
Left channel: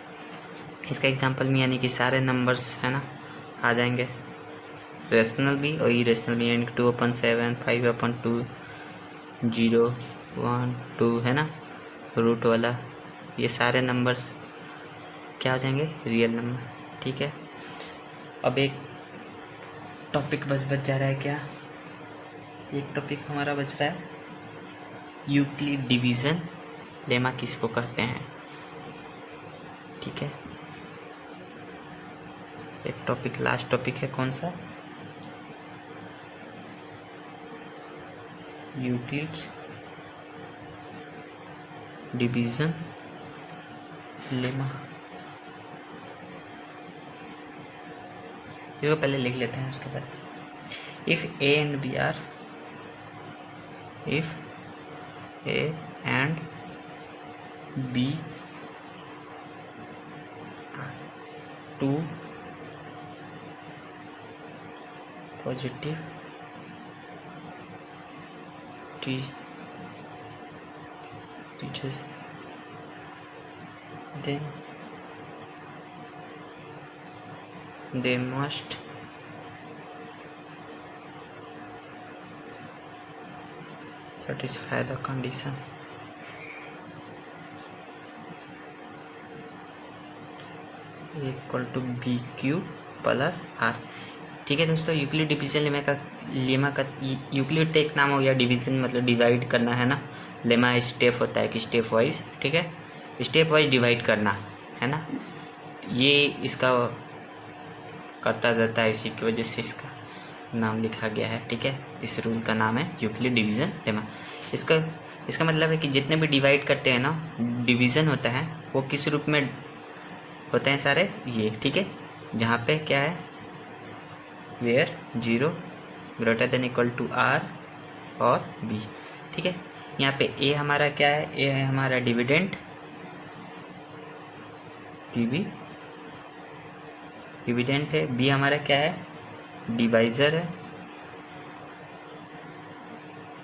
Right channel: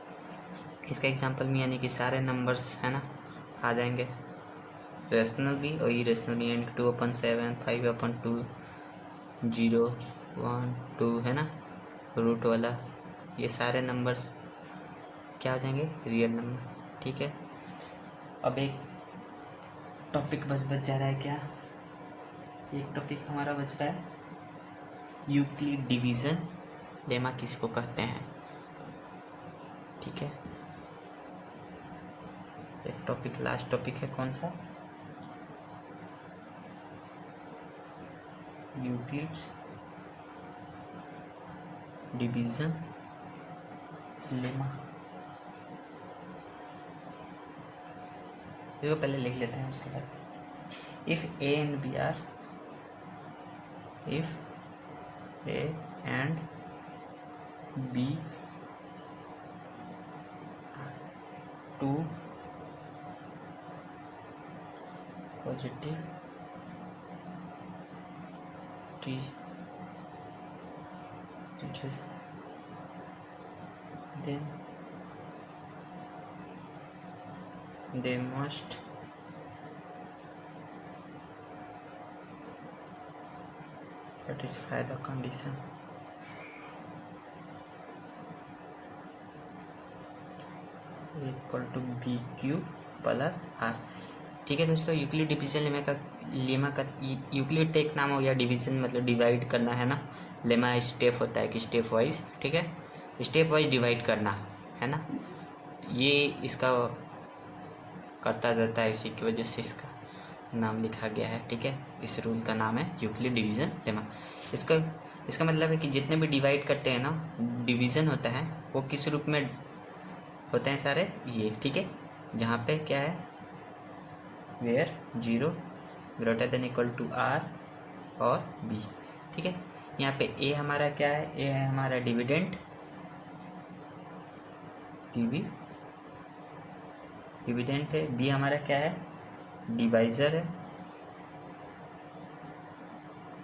इसका एग्जांपल में यानी कि सारे नंबर्स है ना आ जाएंगे, रेशनल भी और इरेशनल भी, यानी 2/7, 5/2, 0, 1, 2 है ना, रूट वाला, ये सारे नंबर्स क्या हो जाएंगे, रियल नंबर। ठीक है, अब एक टॉपिक बच जा रहा है, क्या एक टॉपिक हमारा बच रहा है, यूक्लिड डिवीज़न लेमा किसको कहते हैं। ठीक है, एक टॉपिक लास्ट टॉपिक है, कौन सा, यूक्लिड डिवीज़न लेमा। इसको पहले लिख लेते हैं, उसके बाद if A and B are, if A and B two positive teachers, then they must satisfy the condition equal to BQ plus R. ठीक है दोस्तों, यूक्लिड डिवीजन लेमा का यूक्लिड तो एक नाम हो गया, डिवीजन मतलब डिवाइड करना है ना, लेमा स्टेप होता है कि स्टेप वाइज, ठीक है, स्टेप वाइज डिवाइड करना है ना, ये इसका करता रहता है, इसी की वजह से इसका नाम लिखा गया है। ठीक है, इस रूल का नाम है यूक्लिड डिवीजन लेमा। इसका मतलब है कि जितने भी डिवाइड करते हैं ना, डिवीजन होता है, वो किस रूप में होते हैं सारे, ये। ठीक है, जहाँ पे क्या है, where 0 greater than equal to R और बी। ठीक है, यहाँ पे ए हमारा क्या है, ए है हमारा डिविडेंड, डिविडेंड है, बी हमारा क्या है, डिवाइजर है,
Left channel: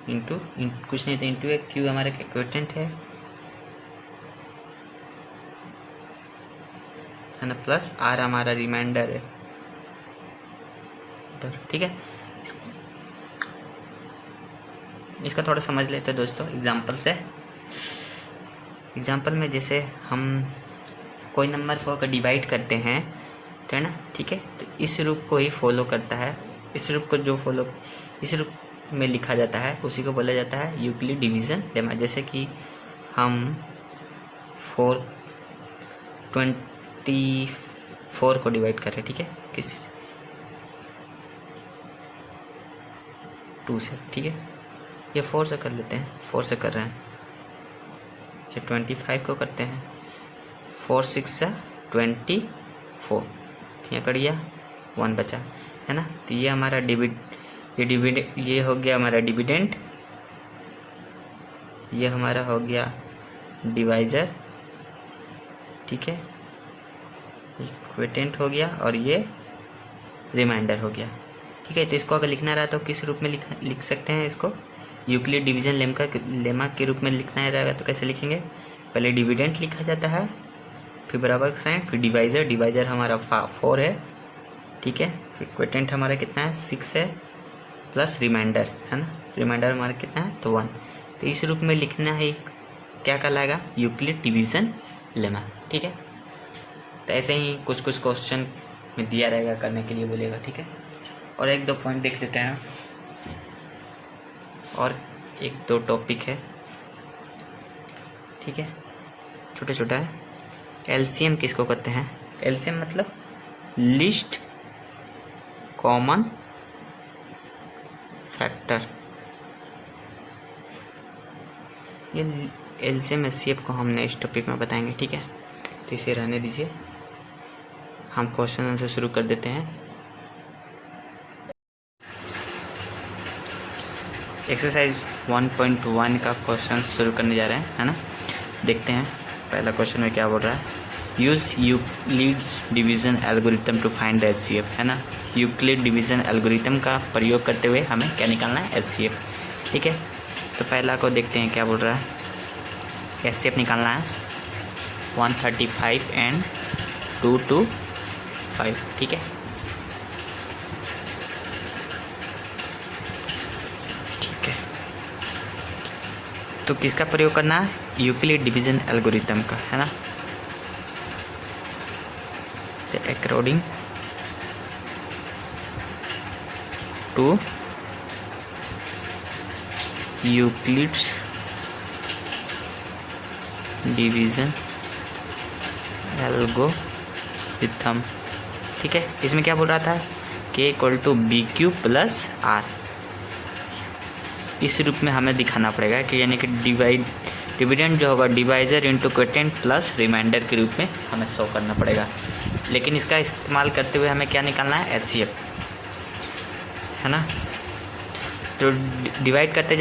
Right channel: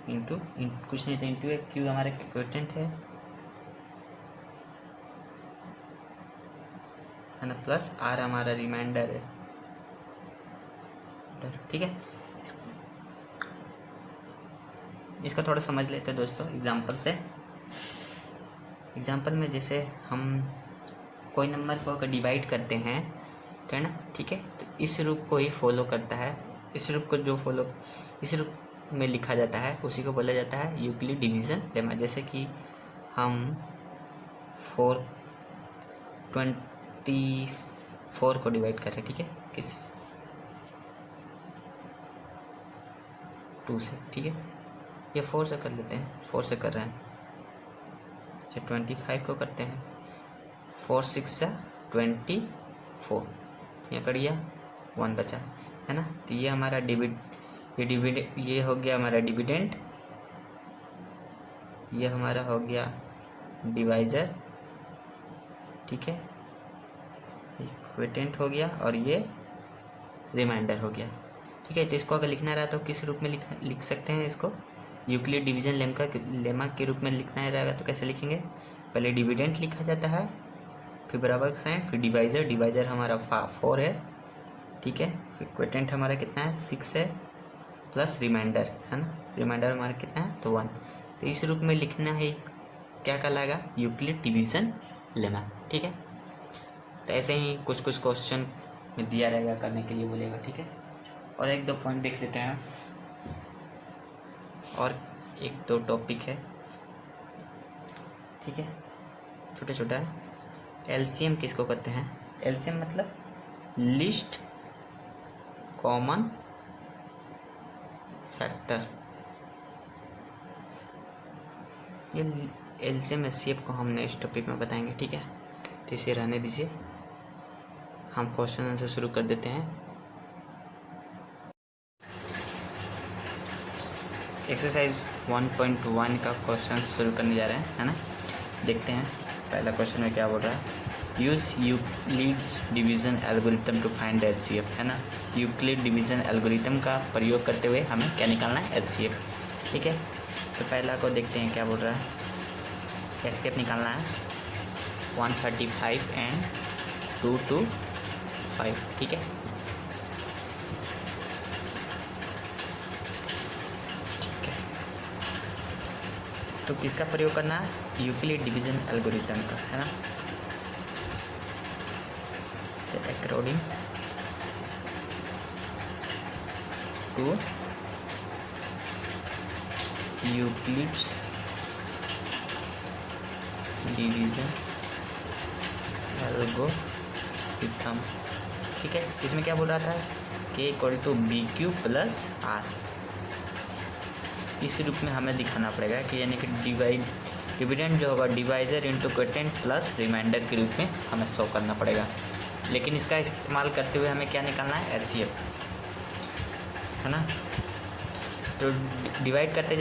इंटू कुछ नहीं था, इंटू है, क्यू हमारा क्वोटिएंट है ना, प्लस आर हमारा रिमाइंडर है। ठीक है, इसका थोड़ा समझ लेते हैं दोस्तों एग्जांपल से। एग्जांपल में जैसे हम कोई नंबर को अगर डिवाइड करते हैं तो है ना, ठीक है, तो इस रूप को ही फॉलो करता है, इस रूप को जो फॉलो इस रूप में लिखा जाता है उसी को बोला जाता है यूक्लिड डिवीजन लेमा। जैसे कि हम 424 को डिवाइड कर रहे हैं, ठीक है, किस 2 से, ठीक है, ये 4 से कर लेते हैं, 4 से कर रहे हैं, ये 25 को करते हैं, 4 6 से 24, यहाँ कर दिया, 1 बचा है ना, तो ये हमारा ये हो गया हमारा डिविडेंड, ये हमारा हो गया डिवाइजर, ठीक है, क्वोटिएंट हो गया और ये रिमाइंडर हो गया। ठीक है, तो इसको अगर लिखना रहा तो किस रूप में लिख सकते हैं, इसको यूक्लिड डिवीजन लेमा के रूप में लिखना रहेगा तो कैसे लिखेंगे, पहले डिविडेंड लिखा जाता है, फिर बराबर का साइन, फिर डिवाइजर हमारा 4 है, ठीक है, फिर क्वोटिएंट हमारा कितना है 6 है, प्लस रिमाइंडर है ना, रिमाइंडर हमारा कितना है तो 1। तो इस रूप में लिखना है, क्या कहलाएगा, यूक्लिड डिवीजन लेमा। ठीक है, तो ऐसे ही कुछ क्वेश्चन में दिया रहेगा, करने के लिए बोलेगा। ठीक है, और 1-2 पॉइंट देख लेते हैं, और 1-2 टॉपिक है, ठीक है, छोटा छोटा है। एलसीएम किसको कहते हैं, एलसीएम मतलब लिस्ट कॉमन फैक्टर, ये एलसीएम एचसीएफ को हमने इस टॉपिक में बताएंगे। ठीक है, तो इसे रहने दीजिए, हम क्वेश्चन से शुरू कर देते हैं। एक्सरसाइज 1.1 का क्वेश्चन शुरू करने जा रहे हैं, है ना, देखते हैं पहला क्वेश्चन में क्या बोल रहा है, use Euclid's division algorithm to find HCF, है ना, यूक्लिड डिवीज़न एल्गोरिथम का प्रयोग करते हुए हमें क्या निकालना है, एचसीएफ। ठीक है, तो पहला को देखते हैं क्या बोल रहा है, एचसीएफ निकालना है 135 एंड 2 to 5। ठीक है, तो किसका प्रयोग करना है? यूक्लिड डिवीजन एल्गोरिथम का, है ना। तो according to Euclid's division algorithm, ठीक है। इसमें क्या बोल रहा था? के equal to B Q plus R. इस रूप में हमें दिखाना पड़ेगा कि यानी कि डिविडेंड जो होगा divisor into quotient plus remainder के रूप में हमें शो करना पड़ेगा। लेकिन इसका इस्तेमाल करते हुए हमें क्या निकालना है? एचसीएफ, है ना। तो डिवाइड करते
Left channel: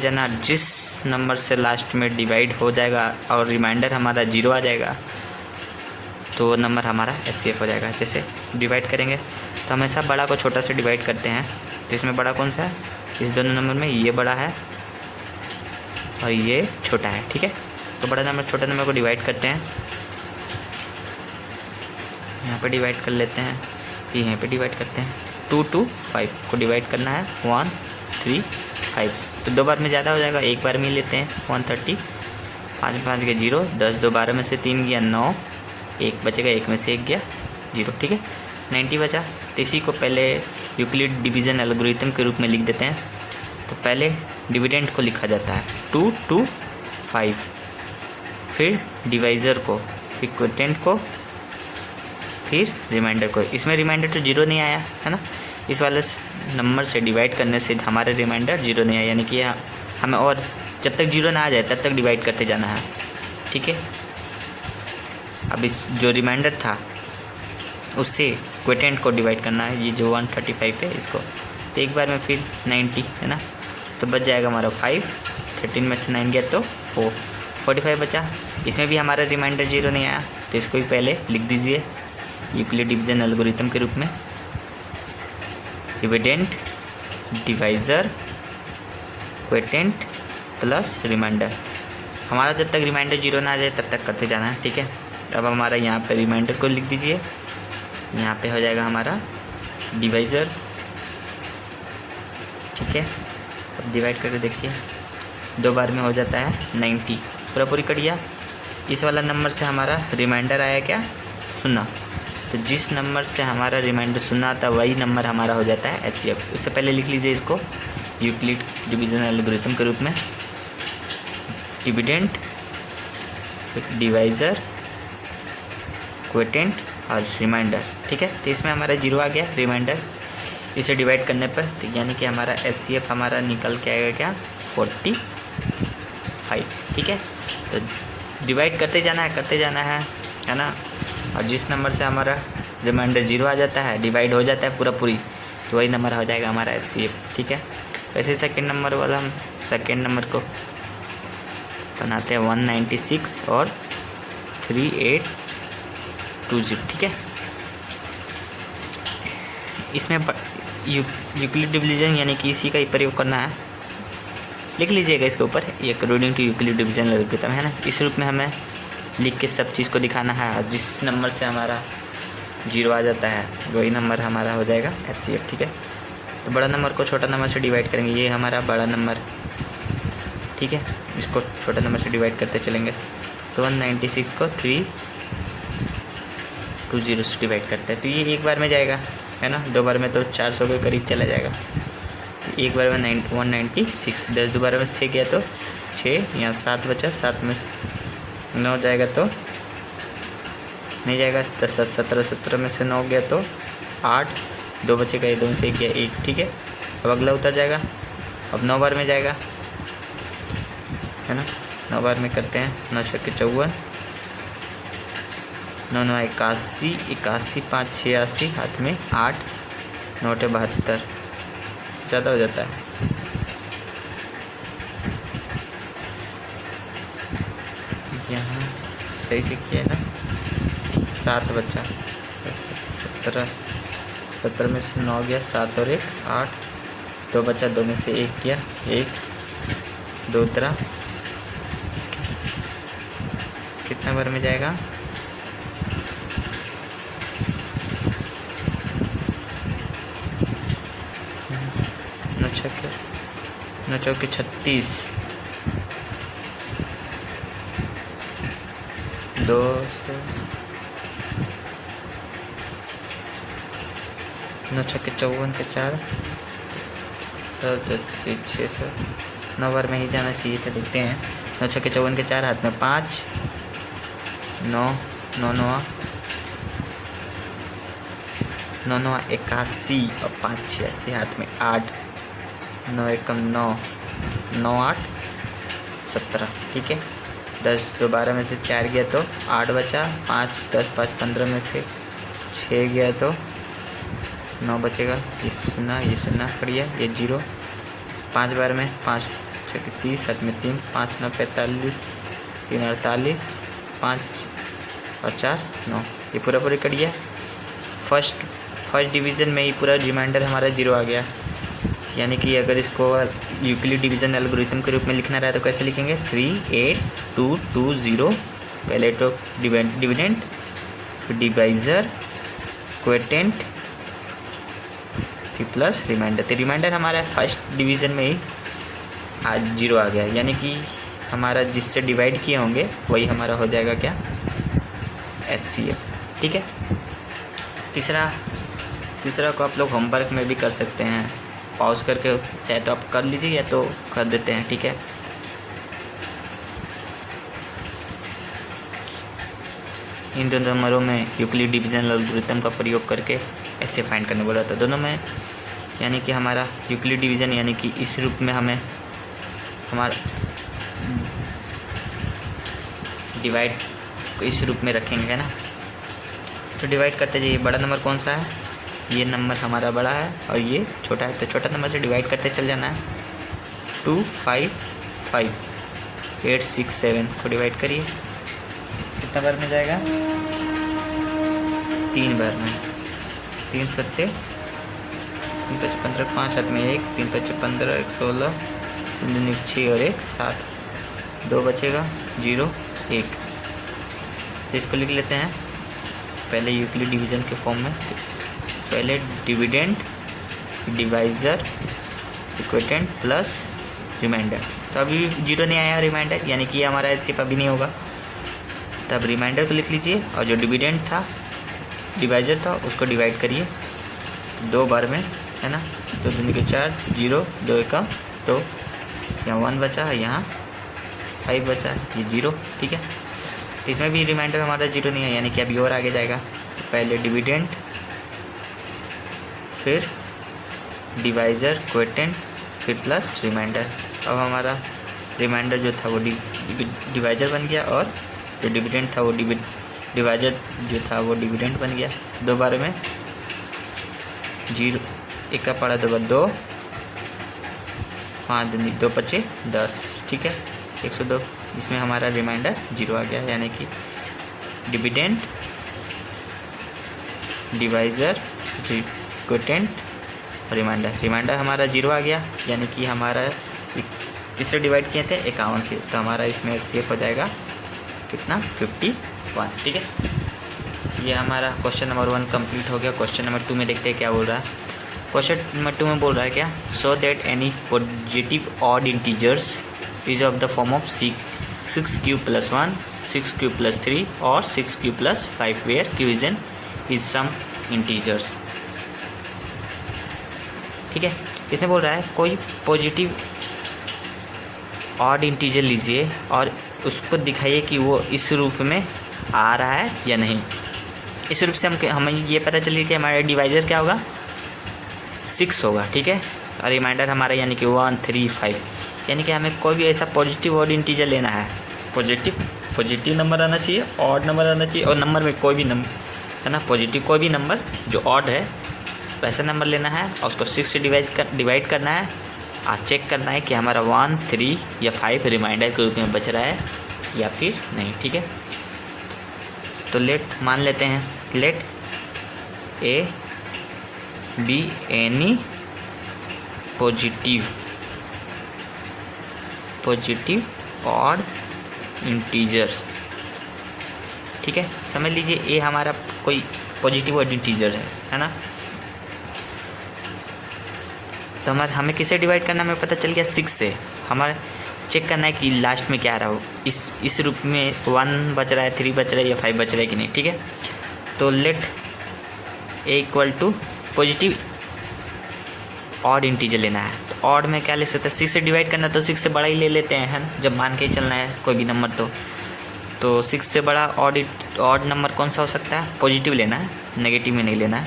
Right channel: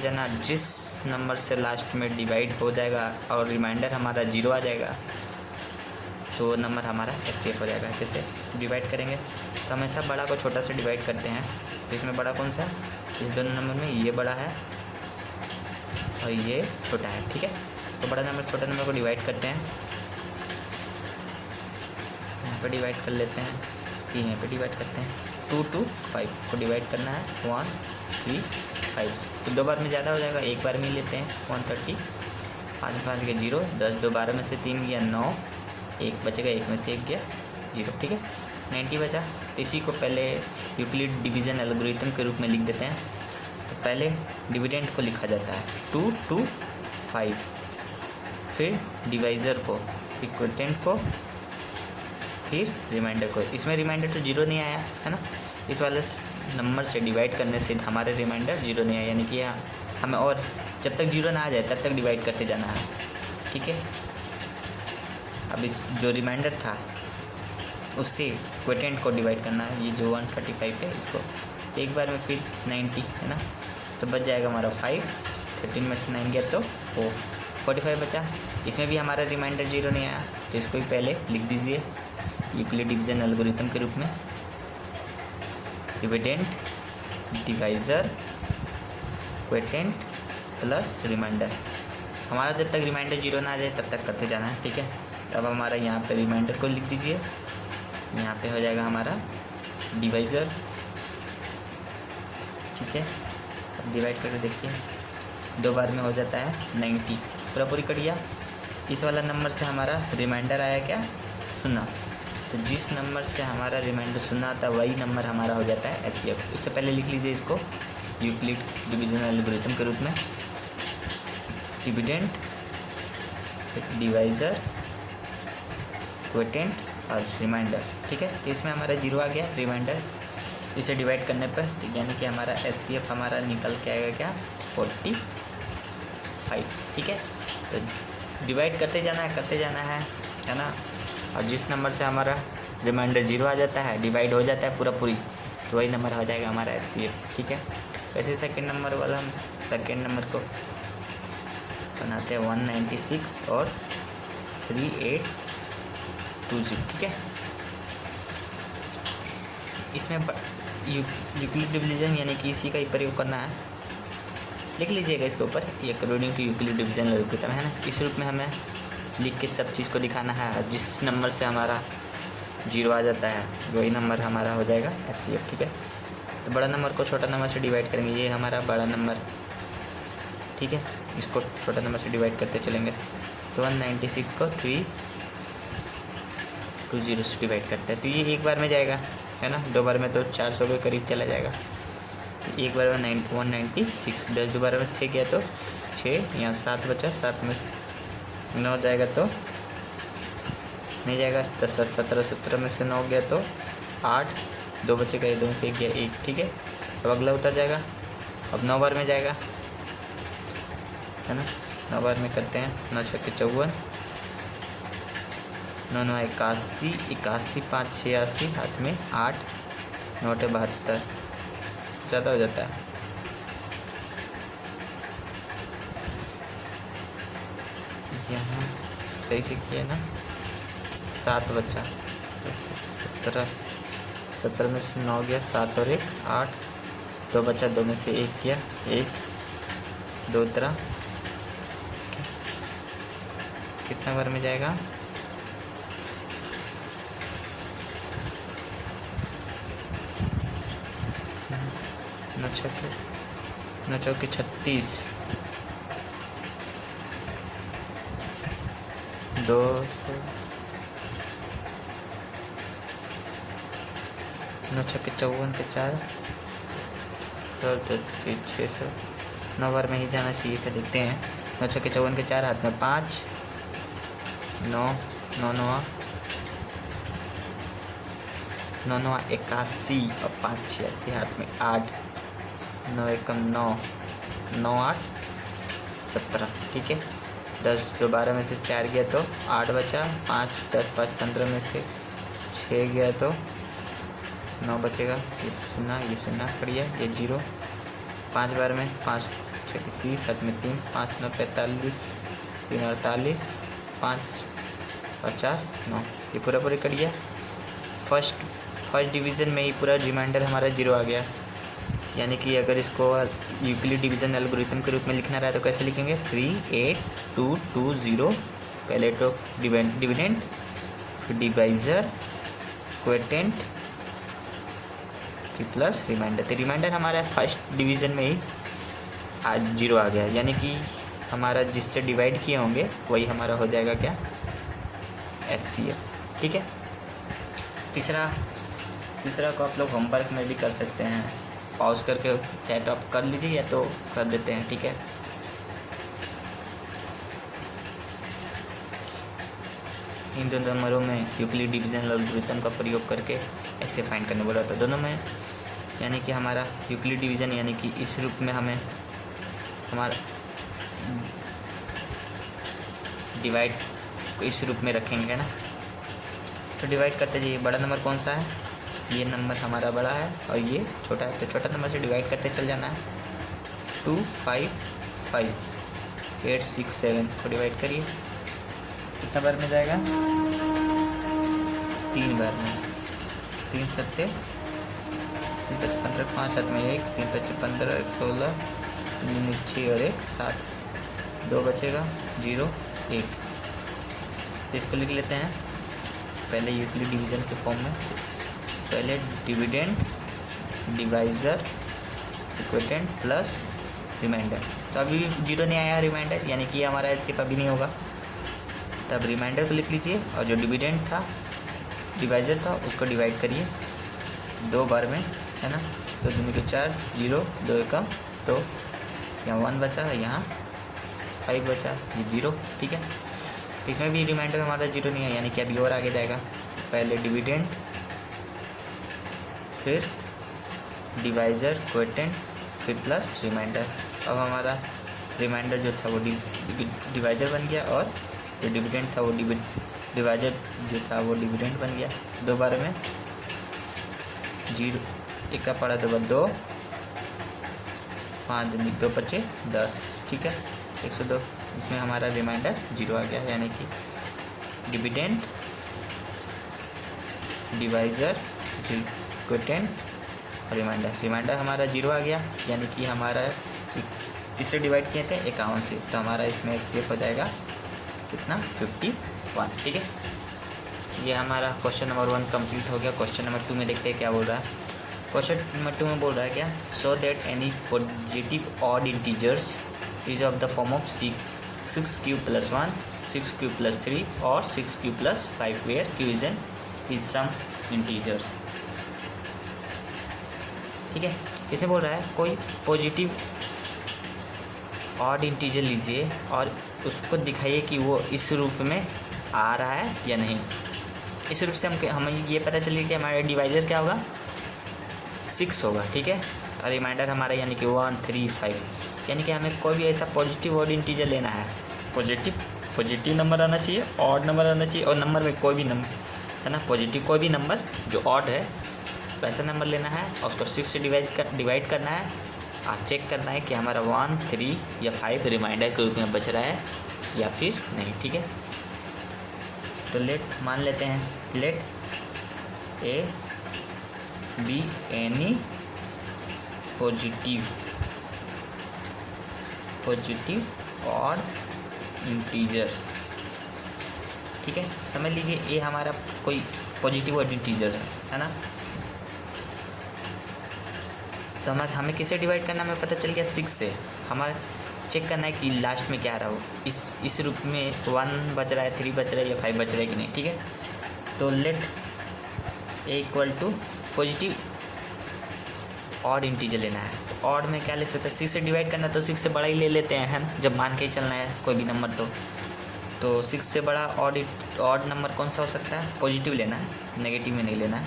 जाना, जिस नंबर से लास्ट में डिवाइड हो जाएगा और रिमाइंडर हमारा 0 आ जाएगा तो वो नंबर हमारा एचसीएफ हो जाएगा। जैसे डिवाइड करेंगे तो हमेशा बड़ा को छोटा से डिवाइड करते हैं। तो इसमें बड़ा कौन सा है? इस दोनों नंबर में ये बड़ा है और ये छोटा है, ठीक है। तो बड़ा नंबर छोटा नंबर को डिवाइड करते हैं, यहाँ पे डिवाइड कर लेते हैं, यहाँ पे डिवाइड करते हैं। 2 to 5 को डिवाइड करना है 1 3 5। तो 2 बार में ज़्यादा हो जाएगा, एक बार में ही लेते हैं 130। 5 5 गया 0, 10 2 12 में से 3 गया 9, 1 बचेगा, 1 में से 1 गया 0, ठीक है। 90 बचा। तो इसी को पहले यूक्लिड डिवीज़न एल्गोरिथम के रूप में लिख देते हैं। तो पहले डिविडेंड को लिखा जाता है 2 to 5, फिर डिवाइज़र को, फिर क्वोटिएंट को, फिर रिमाइंडर को। इसमें रिमाइंडर तो 0 नहीं आया, है ना। इस वाले नंबर से डिवाइड करने से हमारे रिमाइंडर 0 नहीं आया, यानी कि हमें और जब तक 0 ना आ जाए तब तक डिवाइड करते जाना है, ठीक है। अब इस जो रिमाइंडर था उससे क्वोटिएंट को डिवाइड करना है, ये जो 135 है इसको। तो एक बार में फिर 90, है ना। तो बच जाएगा हमारा 5, 13 में से 9 गया तो 4, 45 बचा। इसमें भी हमारा रिमाइंडर 0 नहीं आया, तो इसको भी पहले लिख दीजिए यूक्लिड डिवीजन एल्गोरिथम के रूप में। Dividend divisor quotient plus remainder. हमारा जब तक रिमाइंडर 0 ना आ जाए तब तक करते जाना है, ठीक है। अब हमारा यहाँ पे रिमाइंडर को लिख दीजिए, यहाँ पे हो जाएगा हमारा डिवाइज़र, ठीक है। अब डिवाइड करके देखिए 2 बार में हो जाता है 90, पूरी कट गया। इस वाला नंबर से हमारा रिमाइंडर आया क्या? 0। तो जिस नंबर से हमारा रिमाइंडर 0 आता वही नंबर हमारा हो जाता है एचसीएफ। उससे पहले लिख लीजिए इसको यूक्लिड डिवीजन एल्गोरिथम के रूप में। डिविडेंड डिवाइज़र क्वोटिएंट और रिमाइंडर, ठीक है। तो इसमें हमारा 0 आ गया रिमाइंडर, इसे डिवाइड करने पर तो यानी कि हमारा एचसीएफ हमारा निकल के आएगा क्या? 45, ठीक है। तो डिवाइड करते जाना है ना। और जिस नंबर से हमारा रिमाइंडर 0 आ जाता है, डिवाइड हो जाता है पूरी, तो वही नंबर हो जाएगा हमारा एचसीएफ, ठीक है। वैसे सेकंड नंबर वाला हम सेकंड नंबर को बनाते हैं 196 और 3820, ठीक है। इसमें यूक्लिड डिवीजन यानी कि इसी का ही प्रयोग करना है। लिख लीजिएगा इसके ऊपर, ये according to Euclid division algorithm, है ना। इस रूप में हमें लिख के सब चीज़ को दिखाना है। और जिस नंबर से हमारा 0 आ जाता है वही नंबर हमारा हो जाएगा एचसीएफ, ठीक है। तो बड़ा नंबर को छोटा नंबर से डिवाइड करेंगे, ये हमारा बड़ा नंबर, ठीक है। इसको छोटा नंबर से डिवाइड करते चलेंगे तो 196 को 320 से डिवाइड करते हैं। तो ये एक बार में जाएगा, है ना। 2 बार में तो 400 के करीब चला जाएगा। तो एक बार में 196, 10 दोबारा में 6 गया तो 6, यहाँ 7 बचा, 7 में 9 जाएगा तो नहीं जाएगा, 17, 17 में से 9 गया तो 8, 2 बचेगा, 2 में से 1 गया 1, ठीक है। अब अगला उतर जाएगा, अब 9 बार में जाएगा, है ना। 9 बार में करते हैं, 9 6 के 54, 9 9 81, 81 5 86, हाथ में 8, 9 72, ज़्यादा हो जाता है। यहाँ सही से किया है ना, 7 बचा, 17 में से 9 गया, 7 और 1 8, 2 बचा, 2 में से 1 गया 1, 2 उतरा, कितना बार में जाएगा? नौ चौके 36, 200, 9 छक्के 54 के 4, 600, 9 बार में ही जाना चाहिए था। देखते हैं 9 छक्के 54 के 4, हाथ में 5, 9 9 9 9 9 81 और 5 86, हाथ में 8, 9 एकम 9, 9 8 17। ठीक है, 10 2 12 में से 4 गया तो 8 बचा, 5 10 5 15 में से 6 गया तो 9 बचेगा। ये सुना पड़िए, ये 0, 5 बार में 5 6 30, हाथ में 3, 5 9 45, 3 48, 5 और 4 9, ये पूरा पूरी करिए। फर्स्ट डिवीज़न में ही पूरा रिमाइंडर हमारा 0 आ गया। यानी कि अगर इसको यूक्लिड डिवीज़न एल्गोरिथम के रूप में लिखना रहा है तो कैसे लिखेंगे? 3 8 2 2 0, पहले तो डिविडेंड, फिर डिवाइज़र, क्वोटिएंट, फिर प्लस रिमाइंडर। तो रिमाइंडर हमारा फर्स्ट डिवीज़न में ही आज 0 आ गया। यानी कि हमारा जिससे डिवाइड किए होंगे वही हमारा हो जाएगा क्या? HCF। ठीक है, तीसरा को आप लोग होमवर्क में भी कर सकते हैं, पॉज करके चाहे तो आप कर लीजिए या तो कर देते हैं। ठीक है, इन दोनों नंबरों में यूक्लिड डिवीजन एल्गोरिथम का प्रयोग करके ऐसे फाइंड करने बोला था दोनों में। यानी कि हमारा यूक्लिड डिवीजन यानी कि इस रूप में हमें हमारा डिवाइड इस रूप में रखेंगे, है ना। तो डिवाइड करते जाइए। बड़ा नंबर कौन सा है? ये नंबर हमारा बड़ा है और ये छोटा है, तो छोटा नंबर से डिवाइड करते चल जाना है। 2 5 5 8 6 7 को डिवाइड करिए, कितना बार में जाएगा? 3 बार में। 3 7 3 5 15, 5 हाथ में 1, 3 5 15, 1 16, 6 और 1 7, 2 बचेगा, 0 1। तो इसको लिख लेते हैं पहले यूक्लिड डिवीज़न के फॉर्म में। पहले dividend, divisor, quotient plus remainder. तो अभी 0 नहीं आया रिमाइंडर, यानी कि हमारा HCF अभी नहीं होगा। तब रिमाइंडर को लिख लीजिए और जो डिविडेंड था, डिवाइज़र था, उसको डिवाइड करिए 2 बार में, है ना। 2 दूनी के 4, 0 2 एकम 2, यहाँ 1 बचा है, यहाँ 5 बचा है, ये 0। ठीक है, तो इसमें भी रिमाइंडर हमारा 0 नहीं है, यानी कि अभी और आगे जाएगा। पहले डिविडेंड, फिर डिवाइज़र, क्वोटिएंट, फिर प्लस रिमाइंडर। अब हमारा रिमाइंडर जो था वो डिवाइज़र बन गया और जो डिविडेंड था वो डिवाइज़र जो था वो डिविडेंड बन गया। 2 बार में 0 1 का पड़ा 2 बार 2, 5 2 25 10। ठीक है, 102। इसमें हमारा रिमाइंडर 0 आ गया, यानी कि डिविडेंड, डिवाइज़र, क्वोटिएंट, रिमाइंडर हमारा 0 आ गया। यानी कि हमारा किससे डिवाइड किए थे? 51 से। तो हमारा इसमें सेफ हो जाएगा कितना? 51। ठीक है, ये हमारा क्वेश्चन नंबर 1 कंप्लीट हो गया। क्वेश्चन नंबर 2 में देखते हैं क्या बोल रहा है। क्वेश्चन नंबर 2 में बोल रहा है क्या? So that any positive odd integers is of the form of 6 Q plus 1, 6 Q plus 3 और 6 क्यू प्लस 5 वेयर क्यूजन इज सम इंटीजर्स। ठीक है, इसमें बोल रहा है कोई पॉजिटिव ऑड इंटीजर लीजिए और उसको दिखाइए कि वो इस रूप में आ रहा है या नहीं। इस रूप से हमें ये पता चलिए कि हमारा डिवाइज़र क्या होगा? 6 होगा। ठीक है, और रिमाइंडर हमारा यानी कि 1 3 5। यानी कि हमें कोई भी ऐसा पॉजिटिव ऑड इंटीजर लेना है। पॉजिटिव नंबर आना चाहिए, ऑड नंबर आना चाहिए, और नंबर में कोई भी नंबर, है ना, पॉजिटिव कोई भी नंबर जो ऑड है वैसा नंबर लेना है और उसको 6 से डिवाइड करना है और चेक करना है कि हमारा 1 3 या 5 रिमाइंडर के रूप में बच रहा है या फिर नहीं। ठीक है, तो लेट मान लेते हैं, let a b any positive odd integers. ठीक है, समझ लीजिए ए हमारा कोई पॉजिटिव ऑड इंटीजर है ना। तो हमें किससे डिवाइड करना हमें पता चल गया? 6 से। हमारे चेक करना है कि लास्ट में क्या आ रहा हो, इस रूप में 1 बच रहा है, 3 बच रहा है या 5 बच रहा है कि नहीं, ठीक है। तो let a equal to positive odd integer लेना है। तो ऑड में क्या ले सकते हैं, 6 से डिवाइड करना, तो 6 से बड़ा ही ले लेते हैं, है ना, जब मान के ही चलना है कोई भी नंबर। तो 6 से बड़ा ऑड नंबर कौन सा हो सकता है, पॉजिटिव लेना है, नेगेटिव में नहीं लेना है,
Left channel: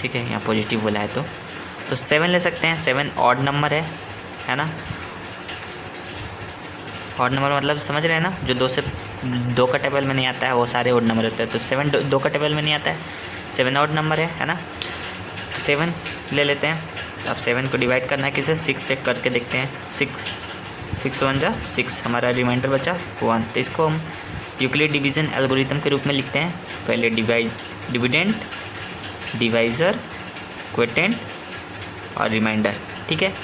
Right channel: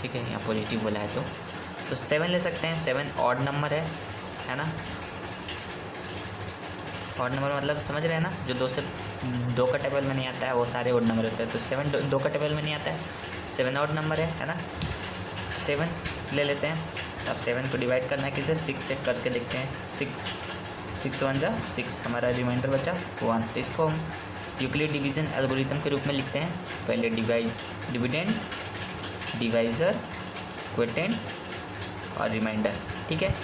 ठीक है। यहाँ पॉजिटिव बोला है तो 7 ले सकते हैं। 7 ऑड नंबर है ना। ऑड नंबर मतलब समझ रहे हैं ना, जो 2 से 2 का टेबल में नहीं आता है वो सारे ऑड नंबर होते हैं। तो 7 2 का टेबल में नहीं आता है, 7 ऑड नंबर है ना। 7 ले लेते हैं। अब 7 को डिवाइड करना है किसे, 6 से करके देखते हैं। 6 1 जा 6, हमारा रिमाइंडर बचा 1। तो इसको हम यूक्लिड डिवीज़न एल्गोरिथम के रूप में लिखते हैं। पहले डिविडेंड, डिवाइज़र, क्वोटिएंट और रिमाइंडर, ठीक है।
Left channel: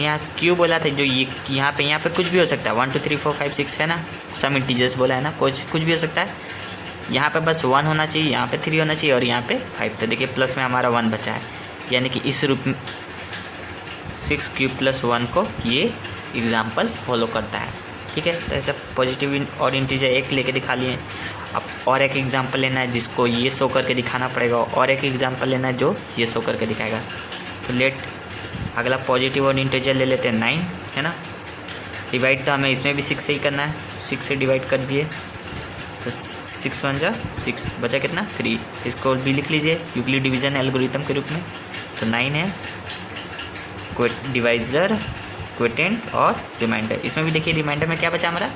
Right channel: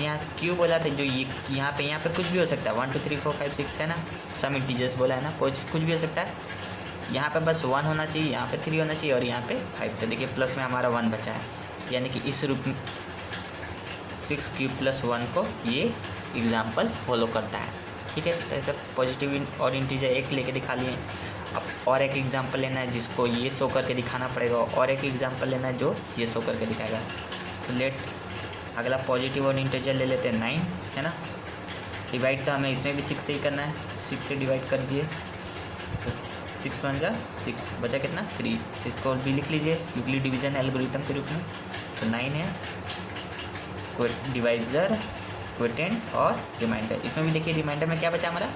यहाँ क्यों बोला था, जो ये यहाँ पे कुछ भी हो सकता है, 1 2 3 4 5 6 है ना, सम इंटीजर्स बोला है ना, कुछ भी हो सकता है। यहाँ पे बस 1 होना चाहिए, यहाँ पे 3 होना चाहिए और यहाँ पे 5। तो देखिए प्लस में हमारा 1 बचा है, यानी कि इस रूप में 6 क्यूब प्लस 1 को ये एग्जाम्पल फॉलो करता है, ठीक है। तो ऐसा पॉजिटिव और इंटीजर एक लेके दिखा लिए। अब और एक एग्जाम्पल लेना है जिसको ये शो करके दिखाना पड़ेगा, और एक एग्जाम्पल लेना है जो ये शो करके दिखाएगा। तो लेट अगला पॉजिटिव और इंटीजर ले लेते हैं 9, है ना। डिवाइड तो हमें इसमें भी 6 से ही करना है, 6 से डिवाइड कर दिए तो 6 1 जा 6, बचा कितना 3। इसको भी लिख लीजिए यूक्लिड डिवीज़न एल्गोरिथम के रूप में। तो 9 है डिवाइज़र, क्वोटिएंट और रिमाइंडर। इसमें भी देखिए रिमाइंडर में क्या बचा हमारा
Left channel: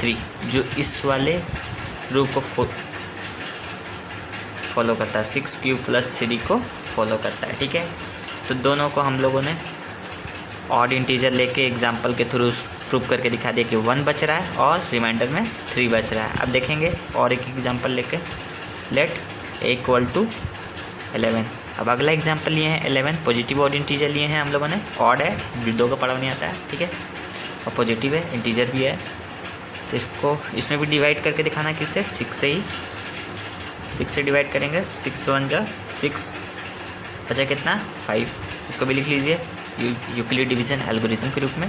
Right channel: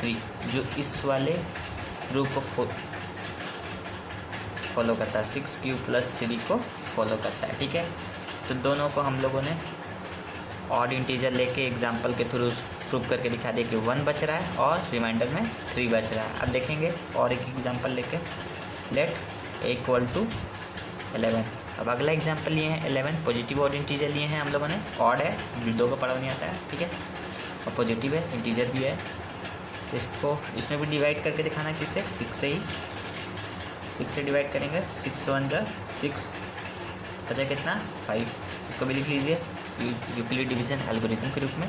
3, जो इस वाले रूल को फॉलो करता है, 6 क्यूब प्लस 3 को फॉलो करता है, ठीक है। तो दोनों को हम लोगों ने ऑड इंटीजर लेके एग्जांपल के थ्रू प्रूव करके दिखा दिया कि 1 बच रहा है और रिमाइंडर में 3 बच रहा है। अब देखेंगे और एक एग्जांपल लेके, लेट ए इक्वल टू 11। अब अगला एग्जांपल लिए हैं 11, पॉजिटिव ऑड इंटीजर लिए हैं हम लोगों ने, ऑड है, 2 का पढ़ा नहीं आता है, ठीक है, और पॉजिटिव है, इंटीजर भी है। तो इसको इसमें भी डिवाइड करके दिखाना किससे, 6 से ही, 6 से डिवाइड करेंगे, 6 1 जा 6, बचा कितना 5। इसको भी लिख लीजिए यूक्लिड डिवीज़न एल्गोरिथम के रूप में।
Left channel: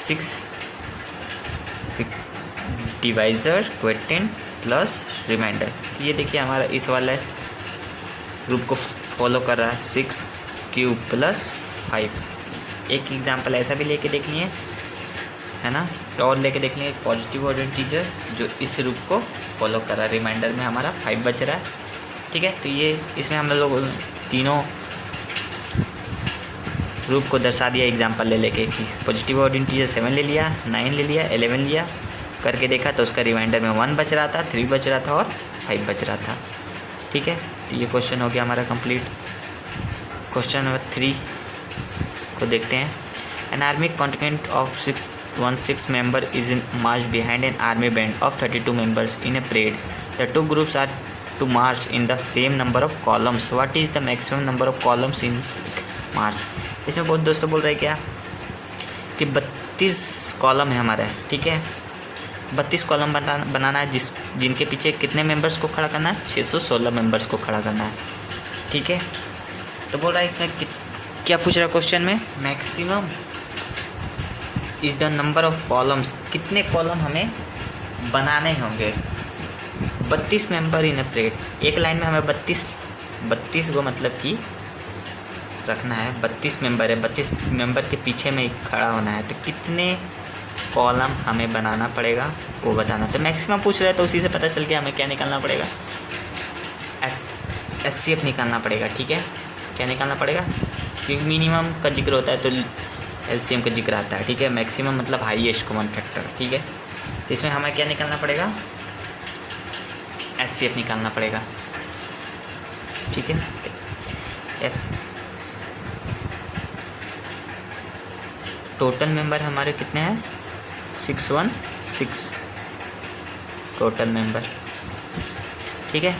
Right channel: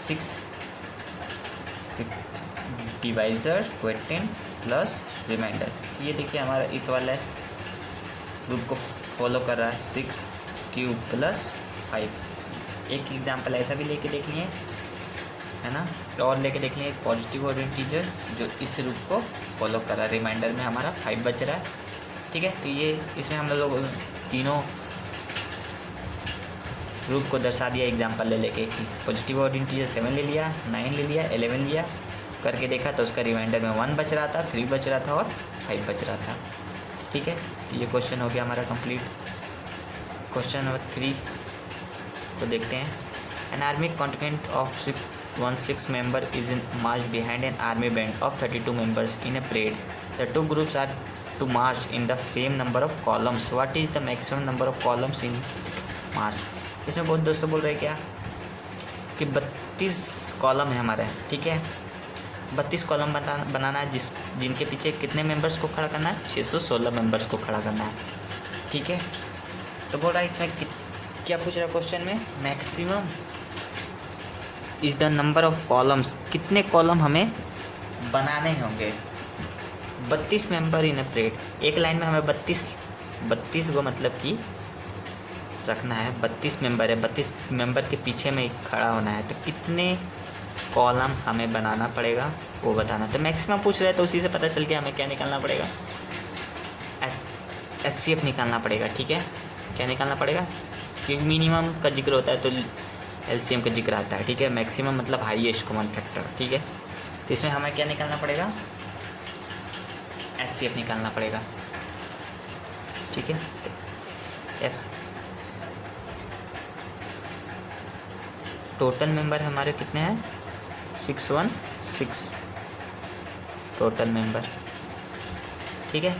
6 डिवाइज़र, क्वोटिएंट प्लस रिमाइंडर। ये देखिए हमारा इस वाले ग्रुप को फॉलो कर रहा है, 6 क्यूब प्लस 5। एक एग्जांपल ऐसा भी लेके देख लिए, है ना, और लेके देख लिए पॉजिटिव और इंटीजर जो इस रूप को फॉलो कर रहा है। रिमाइंडर में हमारा 5 बच रहा है, ठीक है। तो ये इसमें हम लोग तीनों रूप को दर्शा दिया एग्जांपल ले लेके कि पॉजिटिव और इंटीजर 7 ले लिया, 9 ले लिया, 11 लिया, करके देखा तो उसका रिमाइंडर में 1 बच रहा था, 3 बच रहा था और 5 बच रहा था, ठीक है। तो ये क्वेश्चन हो गया हमारा कंप्लीट। क्वेश्चन नंबर 3 को देखते हैं। An army contingent of 616 member is in march behind an army band of 32 members in a parade. The 2 groups are to march in the same number of columns. What is the maximum number of columns in march. इसमें बहुत दोस्तों बोल रहे हैं क्या कि 32 column है हमारा, ठीक है, 32 कॉलम बनाना है जिनके पीछे कितने मेंबर्स को खड़ा करना है, 616 मेंबर्स को खड़ा करना है, ठीक है। तो बोल रहा है इसमें क्या पूछ रहा है क्वेश्चन में, maximum is the number of columns, कितने कॉलम हमें बनाने होंगे। 32 मेंबर इन ए परेड, एक लाइन में हमें 32 को मतलब कि रखना है, 32 मेंबर है, 32 मेंबर के पीछे में खड़ा होना है, तो कितने कॉलम हमें बनाना पड़ेगा वो बताना। तो मैक्सिमम पूछ रहा है तो उसी से पता चल गया हमें क्या निकालना पड़ेगा, एचसीएफ निकालना पड़ेगा, ठीक है। क्या निकालना पड़ेगा, क्योंकि मिनिमम का जिक्र होता है तो एलसीएम का जिक्र आता है, ठीक है। मैक्सिमम मतलब हाईएस्ट कॉमन फैक्टर, ठीक है। तो इसमें हमें क्या निकालना पड़ेगा, एचसीएफ निकालना पड़ेगा, ठीक है। टोटल मेंबर हमारे कितने हैं, 616 टोटल मेंबर, ठीक है।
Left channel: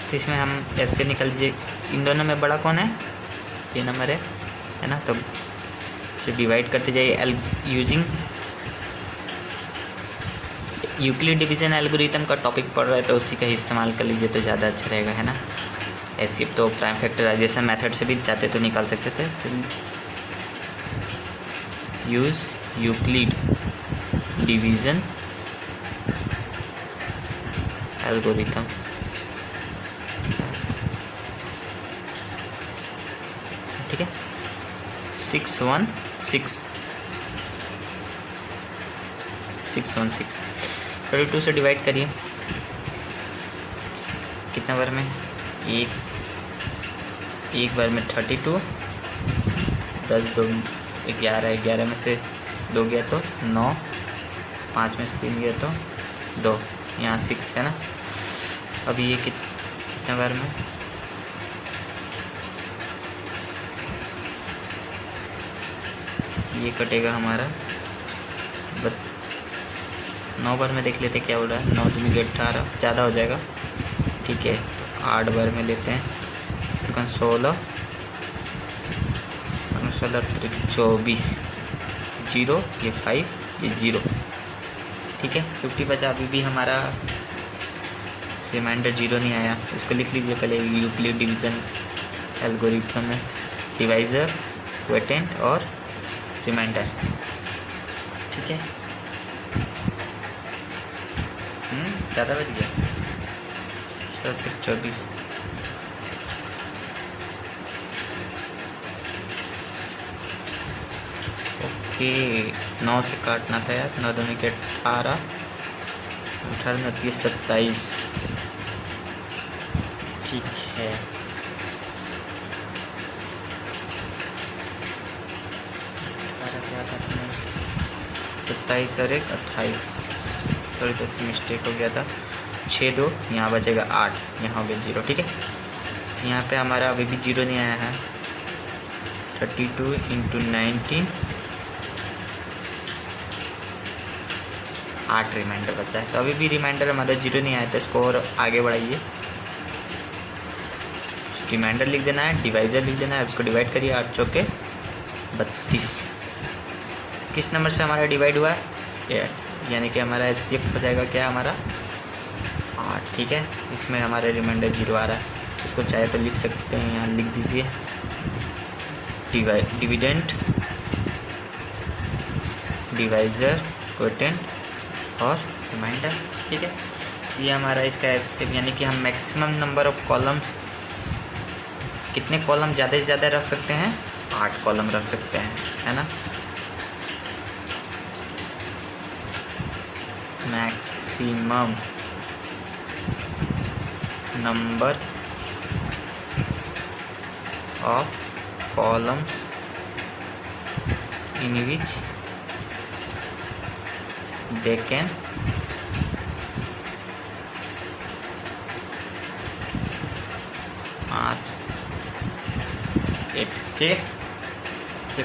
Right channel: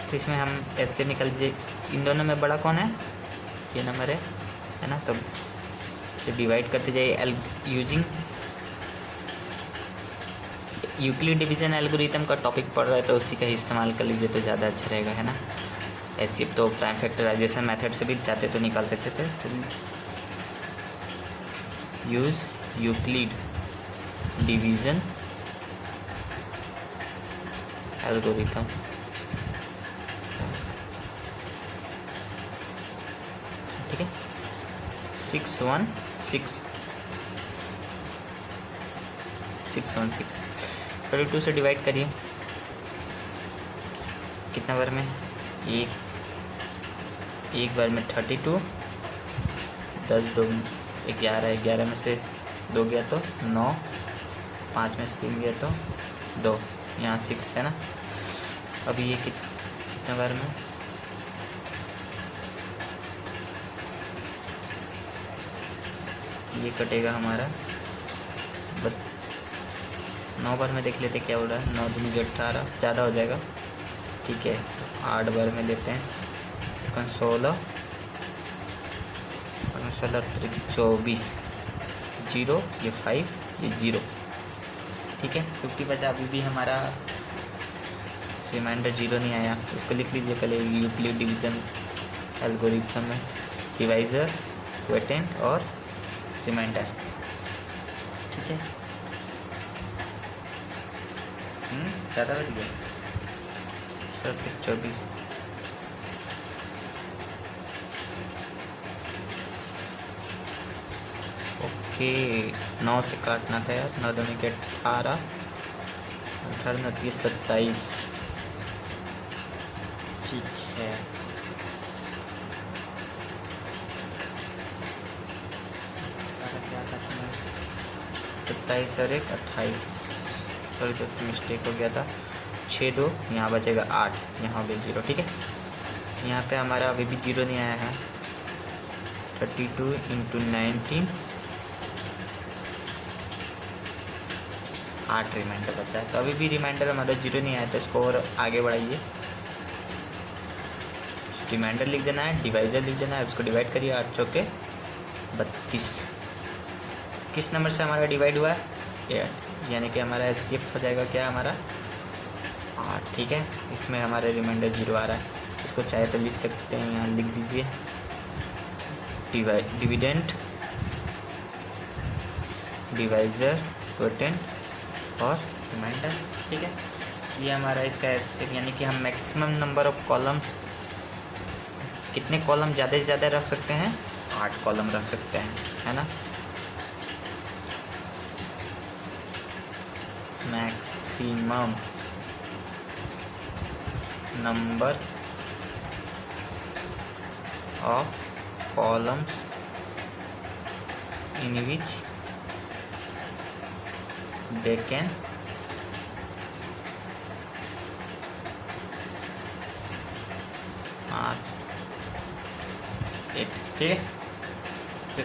तो इसमें हम ऐसे निकल दीजिए, इन दोनों में बड़ा कौन है, ये नंबर है ना। तो डिवाइड करते जाइए यूजिंग यूक्लिड डिवीज़न एल्गोरिथम का टॉपिक पढ़ रहा है तो उसी का ही इस्तेमाल कर लीजिए तो ज़्यादा अच्छा रहेगा, है ना। ऐसे तो प्राइम फैक्टराइजेशन मेथड से भी चाहते तो निकाल सकते थे, यूज यूक्लिड डिवीजन एल्गोरिथम। ठीक है, 616 32 से डिवाइड करिए, कितना बार में, एक बार में 32, 10 2 11, 11 में से 2 गया तो 9, 5 में से 3 गया तो 2, यहाँ 6 है ना। अब ये कितने बार में, ये कटेगा हमारा 9 बार में, देख लेते क्या हो रहा है। 9 दूनी 18, ज़्यादा हो जाएगा, ठीक है। 8 बार में लेते हैं, 16 24, 0, ये 5, ये 0, ठीक है। 50 बचा, अभी भी हमारा रिमाइंडर 0 नहीं आया, इसको लिख लीजिए पहले यूक्लिड डिवीजन एल्गोरिथम में, डिवाइज़र, क्वोटिएंट और रिमाइंडर, ठीक है। ज़्यादा बच गया, 24, ओके। 9 से काटना था यार, 9 दूनी के 18, 18 में 30, 27, ठीक है। और 28, थोड़ी तो मिस्टेक हो गया था, 6 2, यहाँ बचेगा 8, यहाँ हो गया 0, ठीक है। यहाँ पे हमारा अभी भी 0 नहीं आया है। 32 × 19, 8 रिमाइंडर बचा है, तो अभी भी रिमाइंडर हमारा 0 नहीं आया, तो इसको और आगे बढ़ाइए। रिमाइंडर लिख देना है, डिवाइजर लिख देना है, उसको डिवाइड करिए, 8 चौके 32। किस नंबर से हमारा डिवाइड हुआ है, 8, यानी कि हमारा शिफ्ट हो जाएगा क्या, हमारा 8, ठीक है। इसमें हमारा रिमाइंडर 0 आ रहा है, इसको चाहे तो लिख सकते हैं, यहाँ लिख दीजिए डिविडेंड, डिवाइजर, क्वोटिएंट और रिमाइंडर, ठीक है। ये हमारा इसका यानी कि हम मैक्सिमम नंबर ऑफ कॉलम्स, कितने कॉलम ज़्यादा से ज़्यादा रख सकते हैं, 8 कॉलम रख सकते हैं, है ना। Maximum number of columns in which they can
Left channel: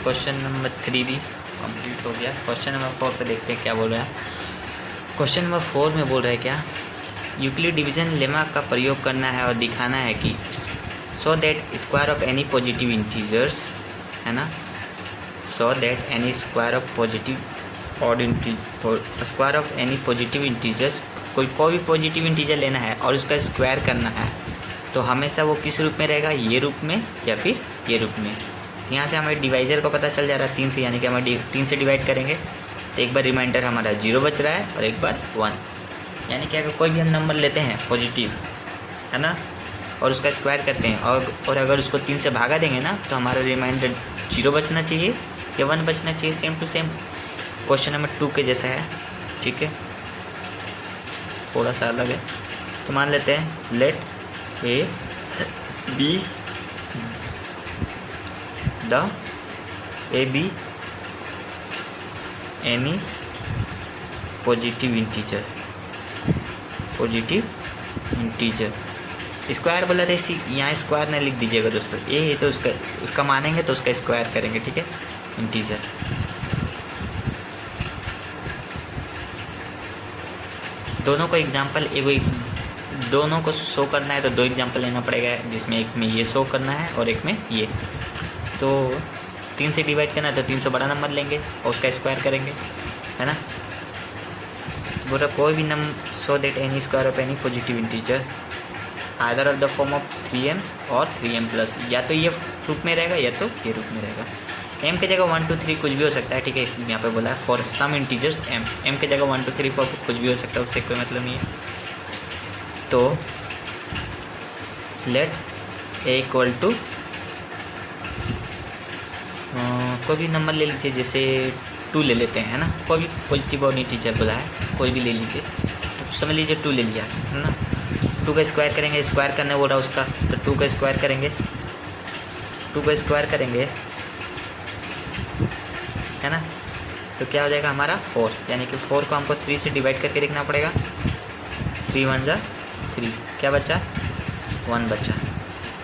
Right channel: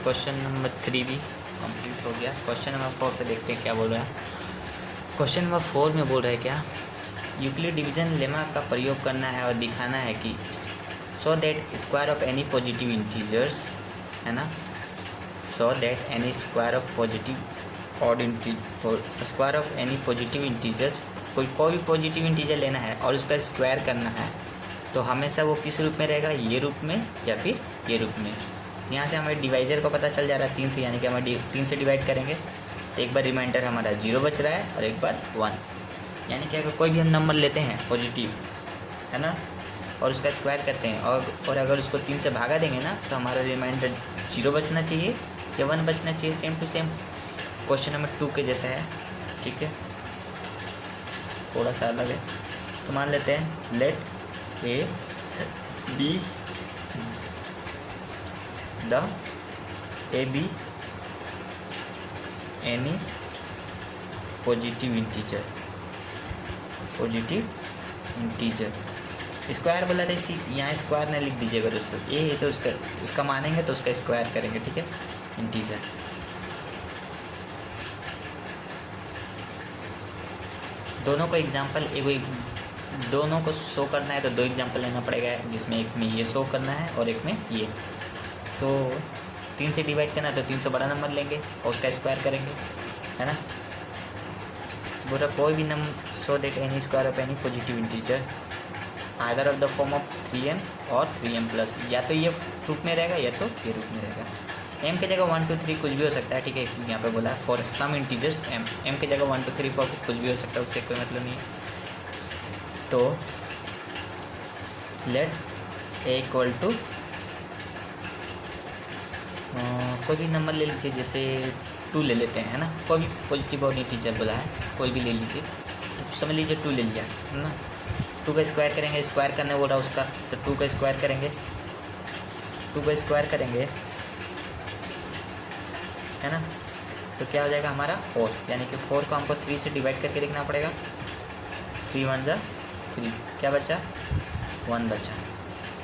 question number 3 भी कंप्लीट हो गया। क्वेश्चन नंबर 4 पे देखते हैं क्या बोल रहे हैं। क्वेश्चन नंबर 4 में बोल रहे हैं क्या, यूक्लिड डिवीजन लेमा का प्रयोग करना है और दिखाना है कि so that square of any positive integers, है ना, so that any square of positive और square of any positive integers, कोई भी पॉजिटिव इंटीजर लेना है और उसका स्क्वायर करना है, तो हमेशा वो किस रूप में रहेगा, ये रूप में या फिर ये रूप में। यहाँ से हमें डिवाइजर को पता चल जा रहा है 3 से, यानी कि हम 3 से डिवाइड करेंगे तो एक बार रिमाइंडर हमारा 0 बच रहा है और एक बार 1, यानी कि अगर कोई भी नंबर लेते हैं पॉजिटिव, है ना, और उसका स्क्वायर करते हैं और अगर उसको 3 से भागा देंगे ना, तो हमारा रिमाइंडर 0 बचना चाहिए या 1 बचना चाहिए। Same to same question number 2 के जैसा है, ठीक है, थोड़ा सा अलग है। तो मान लेते हैं let a b a b any positive integer, square बोला था, इसी यहाँ स्क्वायर नहीं लिख दीजिएगा दोस्तों, ए है तो उसका मानेंगे तो उसका स्क्वायर करेंगे, ठीक है, इंटीजर। दोनों को एग्जाम्पल दोनों को शो करना है तो 2 एग्जाम्पल लेना पड़ेगा, जिसमें एक में ये शो करना है और एक में ये। तो 3 से डिवाइड करना है तो 3 से बड़ा नंबर लेंगे और उसका स्क्वायर करेंगे, है ना। बोला कोई भी number so that any square of any positive integer either of the form of 3m और 3m प्लस, या तो ये रूप में रहेगा या तो ये रूप में रहेगा। एम की जगह 1 2 3 कुछ भी हो सकता है, ठीक है। यहाँ पे बोला फॉर सम इंटीजर्स एम की जगह 1 2 3 4 कुछ भी हो सकता है, उससे कोई मतलब नहीं है। तो लेट ए इक्वल टू कोई भी नंबर ले लीजिए, जैसे 2 ले लेते हैं, है ना। कोई भी पॉजिटिव और इंटीजर बोला है, कोई भी ले लीजिए। तो समझ लीजिए 2 ले लिया, है ना। 2 का स्क्वायर करेंगे, स्क्वायर करना बोला उसका, तो 2 का स्क्वायर करेंगे, 2 का स्क्वायर करेंगे, है ना। तो क्या हो जाएगा हमारा 4, यानी कि 4 को हमको 3 से डिवाइड करके देखना पड़ेगा। 3 1 जा 3, क्या बचा 1 बचा।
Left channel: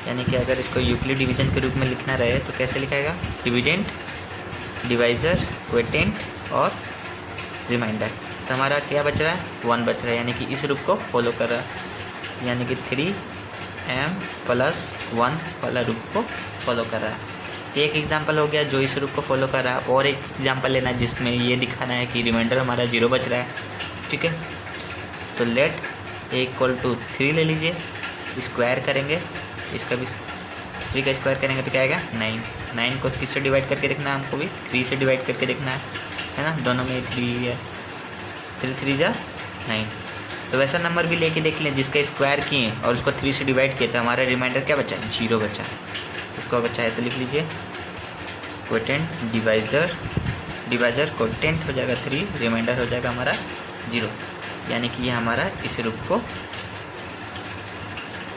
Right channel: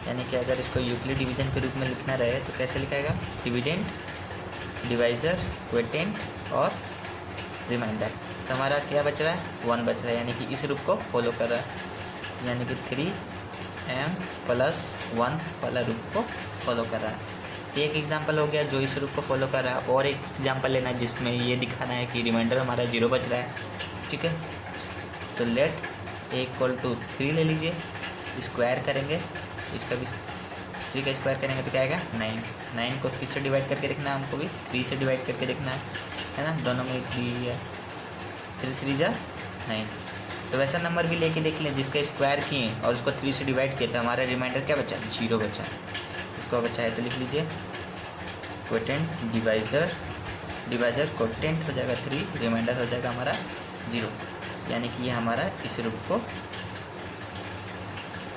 यानी कि अगर इसको यूक्लिड डिवीजन के रूप में लिखना रहे तो कैसे लिखाएगा, डिविडेंड, डिवाइज़र, क्वोटिएंट और रिमाइंडर। तो हमारा क्या बच रहा है 1 बच रहा है, यानी कि इस रूप को फॉलो कर रहा है, यानी कि 3m + 1 वाला रूप को फॉलो कर रहा है। एक एग्जांपल हो गया जो इस रूप को फॉलो कर रहा है, और एक एग्जांपल लेना है जिसमें ये दिखाना है कि रिमाइंडर हमारा 0 बच रहा है, ठीक है। तो लेट ए इक्वल टू 3 ले लीजिए, स्क्वायर करेंगे, इसका भी 3 का स्क्वायर करेंगे तो क्या आएगा 9। 9 को किससे डिवाइड करके देखना है, हमको भी 3 से डिवाइड करके देखना है ना। दोनों में 3 है, 3 3 जा 9। तो वैसा नंबर भी लेके देख लें जिसका स्क्वायर किए और उसको 3 से डिवाइड किए, तो हमारा रिमाइंडर क्या बचा है 0 बचा है। इसको बचा है तो लिख लीजिए क्वोटिएंट, डिवाइज़र, डिवाइज़र क्वोटिएंट हो जाएगा 3, रिमाइंडर हो जाएगा हमारा 0। यानी कि ये हमारा इस रूप को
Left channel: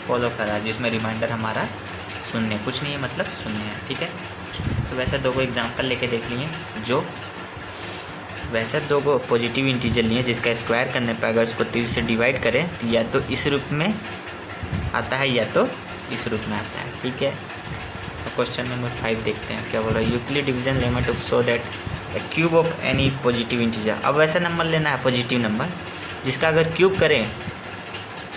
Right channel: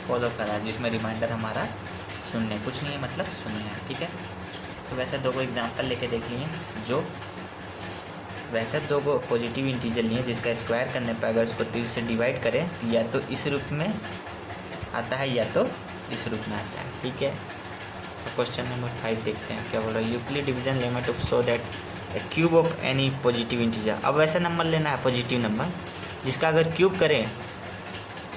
फॉलो कर रहा है, जिसमें रिमाइंडर हमारा 0, कुछ नहीं है, मतलब 0 है, ठीक है। तो वैसे 2 एग्जांपल लेके देख लिए, जो वैसे 2 पॉजिटिव इंटीजर लिए जिसका स्क्वायर करने पर अगर उसको 3 से डिवाइड करें तो या तो इस रूप में आता है या तो इस रूप में आता है, ठीक है। तो क्वेश्चन नंबर 5 देखते हैं क्या बोल रहा है। Euclid division limit of so that A cube of any positive integer. अब ऐसा नंबर लेना है पॉजिटिव नंबर जिसका अगर क्यूब करें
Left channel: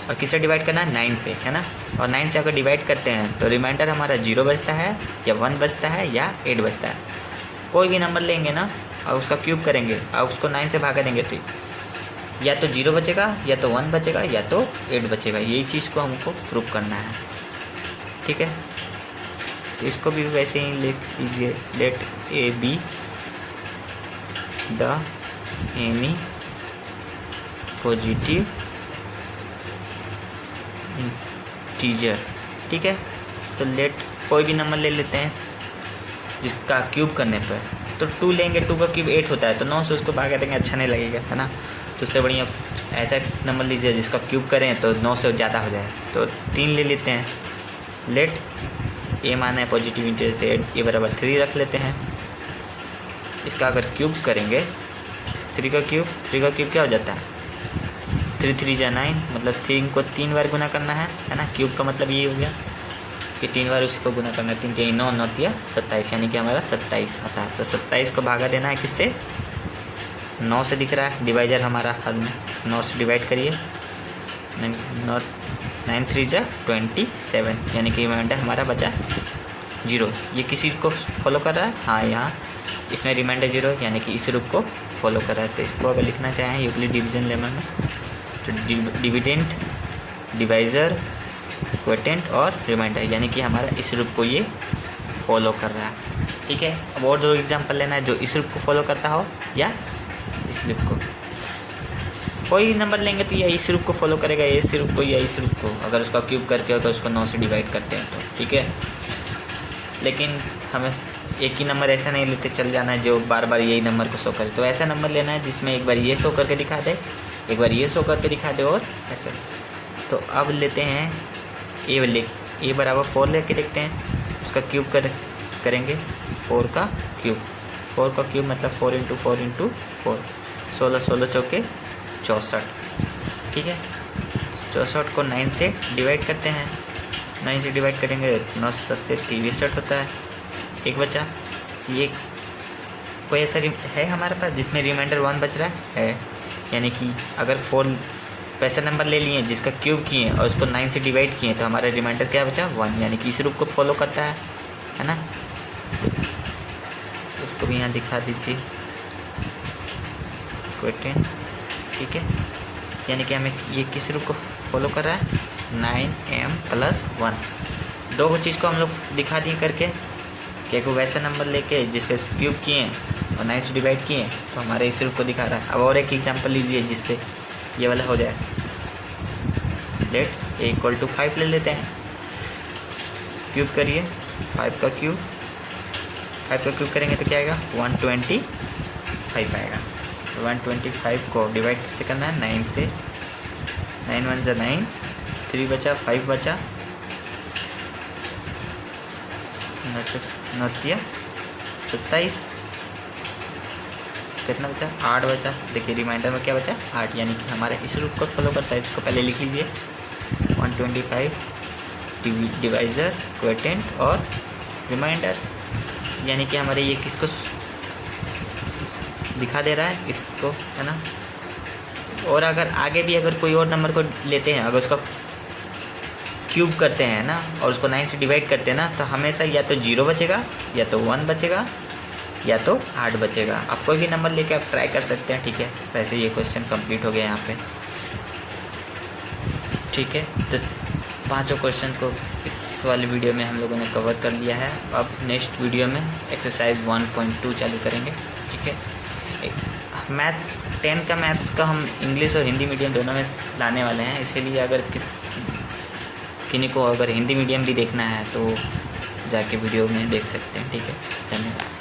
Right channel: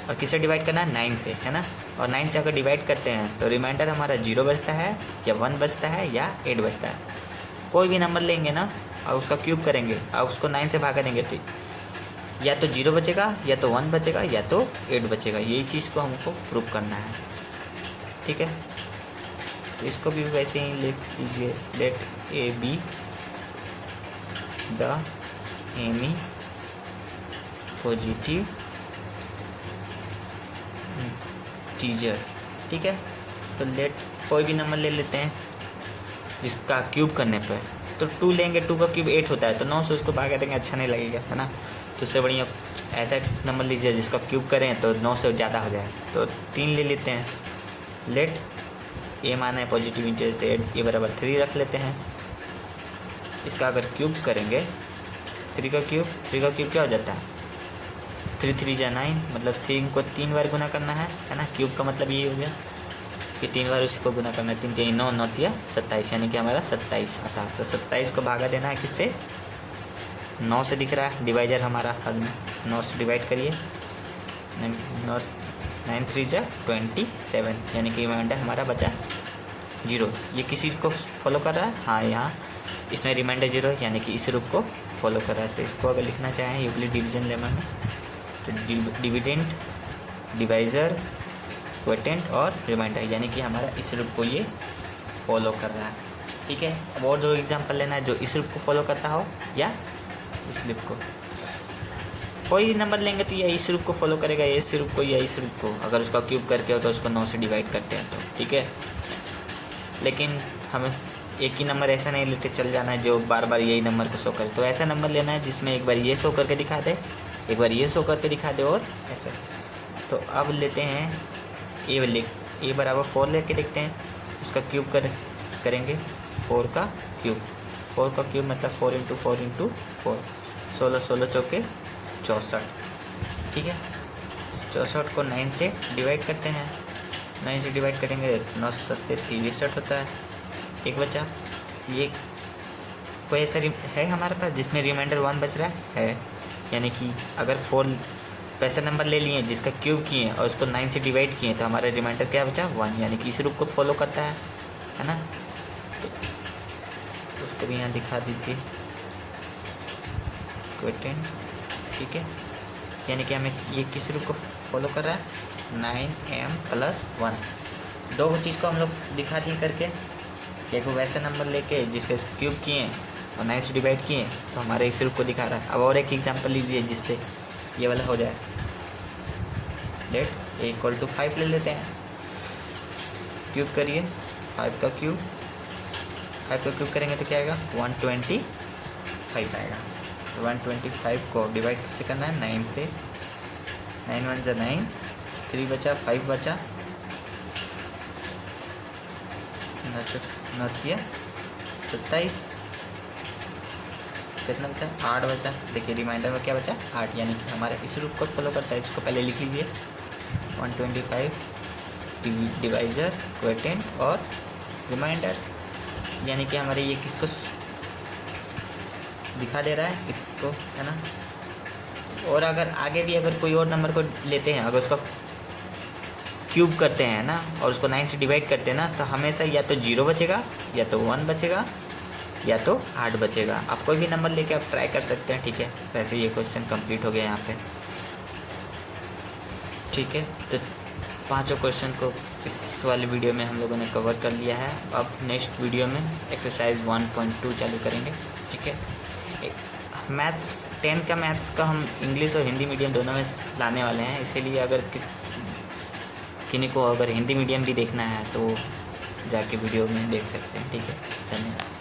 और किससे डिवाइड करना है 9 से, है ना। और 9 से अगर डिवाइड करते हैं तो रिमाइंडर हमारा 0 बचता है या 1 बचता है या 8 बचता है। कोई भी नंबर लेंगे ना और उसका क्यूब करेंगे और उसको 9 से भागा देंगे तो या तो 0 बचेगा या तो 1 बचेगा या तो 8 बचेगा। यही चीज़ को हमको प्रूव करना है, ठीक है। तो इसको भी वैसे ही लिख लीजिए, let a b the any positive integer, ठीक है। तो लेट कोई भी नंबर ले लेते हैं जिसका क्यूब करने पर, तो 2 लेंगे, 2 का क्यूब 8 होता है, तो 9 से उसको भागा देंगे, अच्छा नहीं लगेगा, है ना। तो इससे बढ़िया ऐसा नंबर लीजिए जिसका क्यूब करें तो 9 से ज़्यादा हो जाए, तो 3 ले लेते हैं। लेट ए माना है पॉजिटिव इंटीजर, तो ए बराबर 3 रख लेते हैं। इसका अगर क्यूब करेंगे 3 का क्यूब क्या हो जाता है 3 3 जा 9, मतलब 3 को 3 बार गुना करना है ना। क्यूब का मतलब ये हो गया कि 3 बार उसको गुना करना है, 3 3 9 9 3 27, यानी कि हमारा 27 आता है। तो 27 को भागा देना है किससे 9 से, दिख रहा है डिवाइजर हमारा हद में, 9 से डिवाइड करिए, 9 3 जा 27, यानी कि रिमाइंडर हमारा बचा 0। ये किसी को फॉलो कर रहा है, हाँ यहाँ इसमें रिमाइंडर 0 है, यानी कि इस रूप को फॉलो कर रहा है। तो इसको अगर लिखना चाहें यूक्लिड डिवीजन लेवल में तो डिविडेंड, डिवाइज़र, क्वोटिएंट और रिमाइंडर, यानी कि हमारा इस रूप को ये फॉलो कर रहा है, ठीक है। अब और 2 एग्जांपल लेना है जो इस रूप को फॉलो करता हो या इस रूप को। कोई नंबर लेंगे तो या इस रूप को फॉलो करेगा, या इस रूप को या इस रूप को, अगर उसका क्यूब करके अगर उसको 9 से डिवाइड करते हैं तो, ठीक है। लेकिन हमें एक ही नंबर ऐसा नहीं लेते चल जाना है जो बार बार यही नंबर को शो करे। तो ऐसा नंबर लेना है जिसमें एक बार ये शो करके दिखा दे, एक बार ये शो करके दिखा दे, और ऐसे। तो अब लेते हैं ए बराबर 4 लेके देखते हैं, उसका क्यूब करेंगे 4 का क्यूब मतलब 4 × 4 × 4, 16 16 चौके 64, ठीक है। 64 को 9 से डिवाइड करते हैं, 9 से डिवाइड करेंगे 9 7 63 होता है, एक बचा। ये कोई ऐसा है हमारे पास जिसमें रिमाइंडर 1 बच रहा है, यानी कि अगर 4 पैसा नंबर ले लिए जिसका क्यूब किए और उसको 9 से डिवाइड किए तो हमारा रिमाइंडर क्या बचा 1, यानी कि इस रूप को फॉलो करता है ना। उसको भी यहाँ दिखा दीजिए क्वोटिएंट, ठीक है। यानी कि हमें ये किस रूप को फॉलो कर रहा है 9m + 1। 2 चीज़ को हम लोग दिखा दिए करके, क्या को वैसा नंबर लेके जिसके क्यूब किए और 9 से डिवाइड किए तो हमारा इस रूप को दिखा रहा है। अब और एक एग्जांपल लीजिए जिससे ये वाला हो जाए। लेट a = 5 ले लेते हैं, क्यूब करिए 5 का क्यूब करेंगे तो क्या आएगा 125 आएगा। 125 को डिवाइड कैसे करना है 9 से, 9 1 जा 9, 3 बचा 5 बचा, 27, कितना बचा 8 बचा। देखिए रिमाइंडर में क्या बचा 8, यानी कि हमारे इस रूप को फॉलो करता है। इसको पहले लिख लीजिए 125 डिवाइज़र, क्वोटिएंट और रिमाइंडर, यानी कि हमारे ये किसको दिखा दे रहा है, इसको, है ना। और अगर आगे भी अगर कोई और नंबर को लेते हैं, अगर उसका क्यूब करते हैं ना और उसको 9 से डिवाइड करते हैं ना, तो हमेशा या तो 0 बचेगा, या तो 1 बचेगा, या तो 8 बचेगा। आप कोई भी नंबर लेके आप ट्राई कर सकते हैं, ठीक है। वैसे ये क्वेश्चन कंप्लीट हो गया यहाँ पे, ठीक है। तो 5 क्वेश्चन को इस वाले वीडियो में हम लोगों ने कवर कर लिया है। अब नेक्स्ट वीडियो में एक्सरसाइज 1.2 चालू करेंगे, ठीक है। मैथ्स 10 का मैथ्स का हम इंग्लिश और हिंदी मीडियम दोनों में लाने वाले हैं, इसीलिए अगर किन्हीं को अगर हिंदी मीडियम भी देखना है तो जाके वीडियो में देख सकते हैं, ठीक है। धन्यवाद।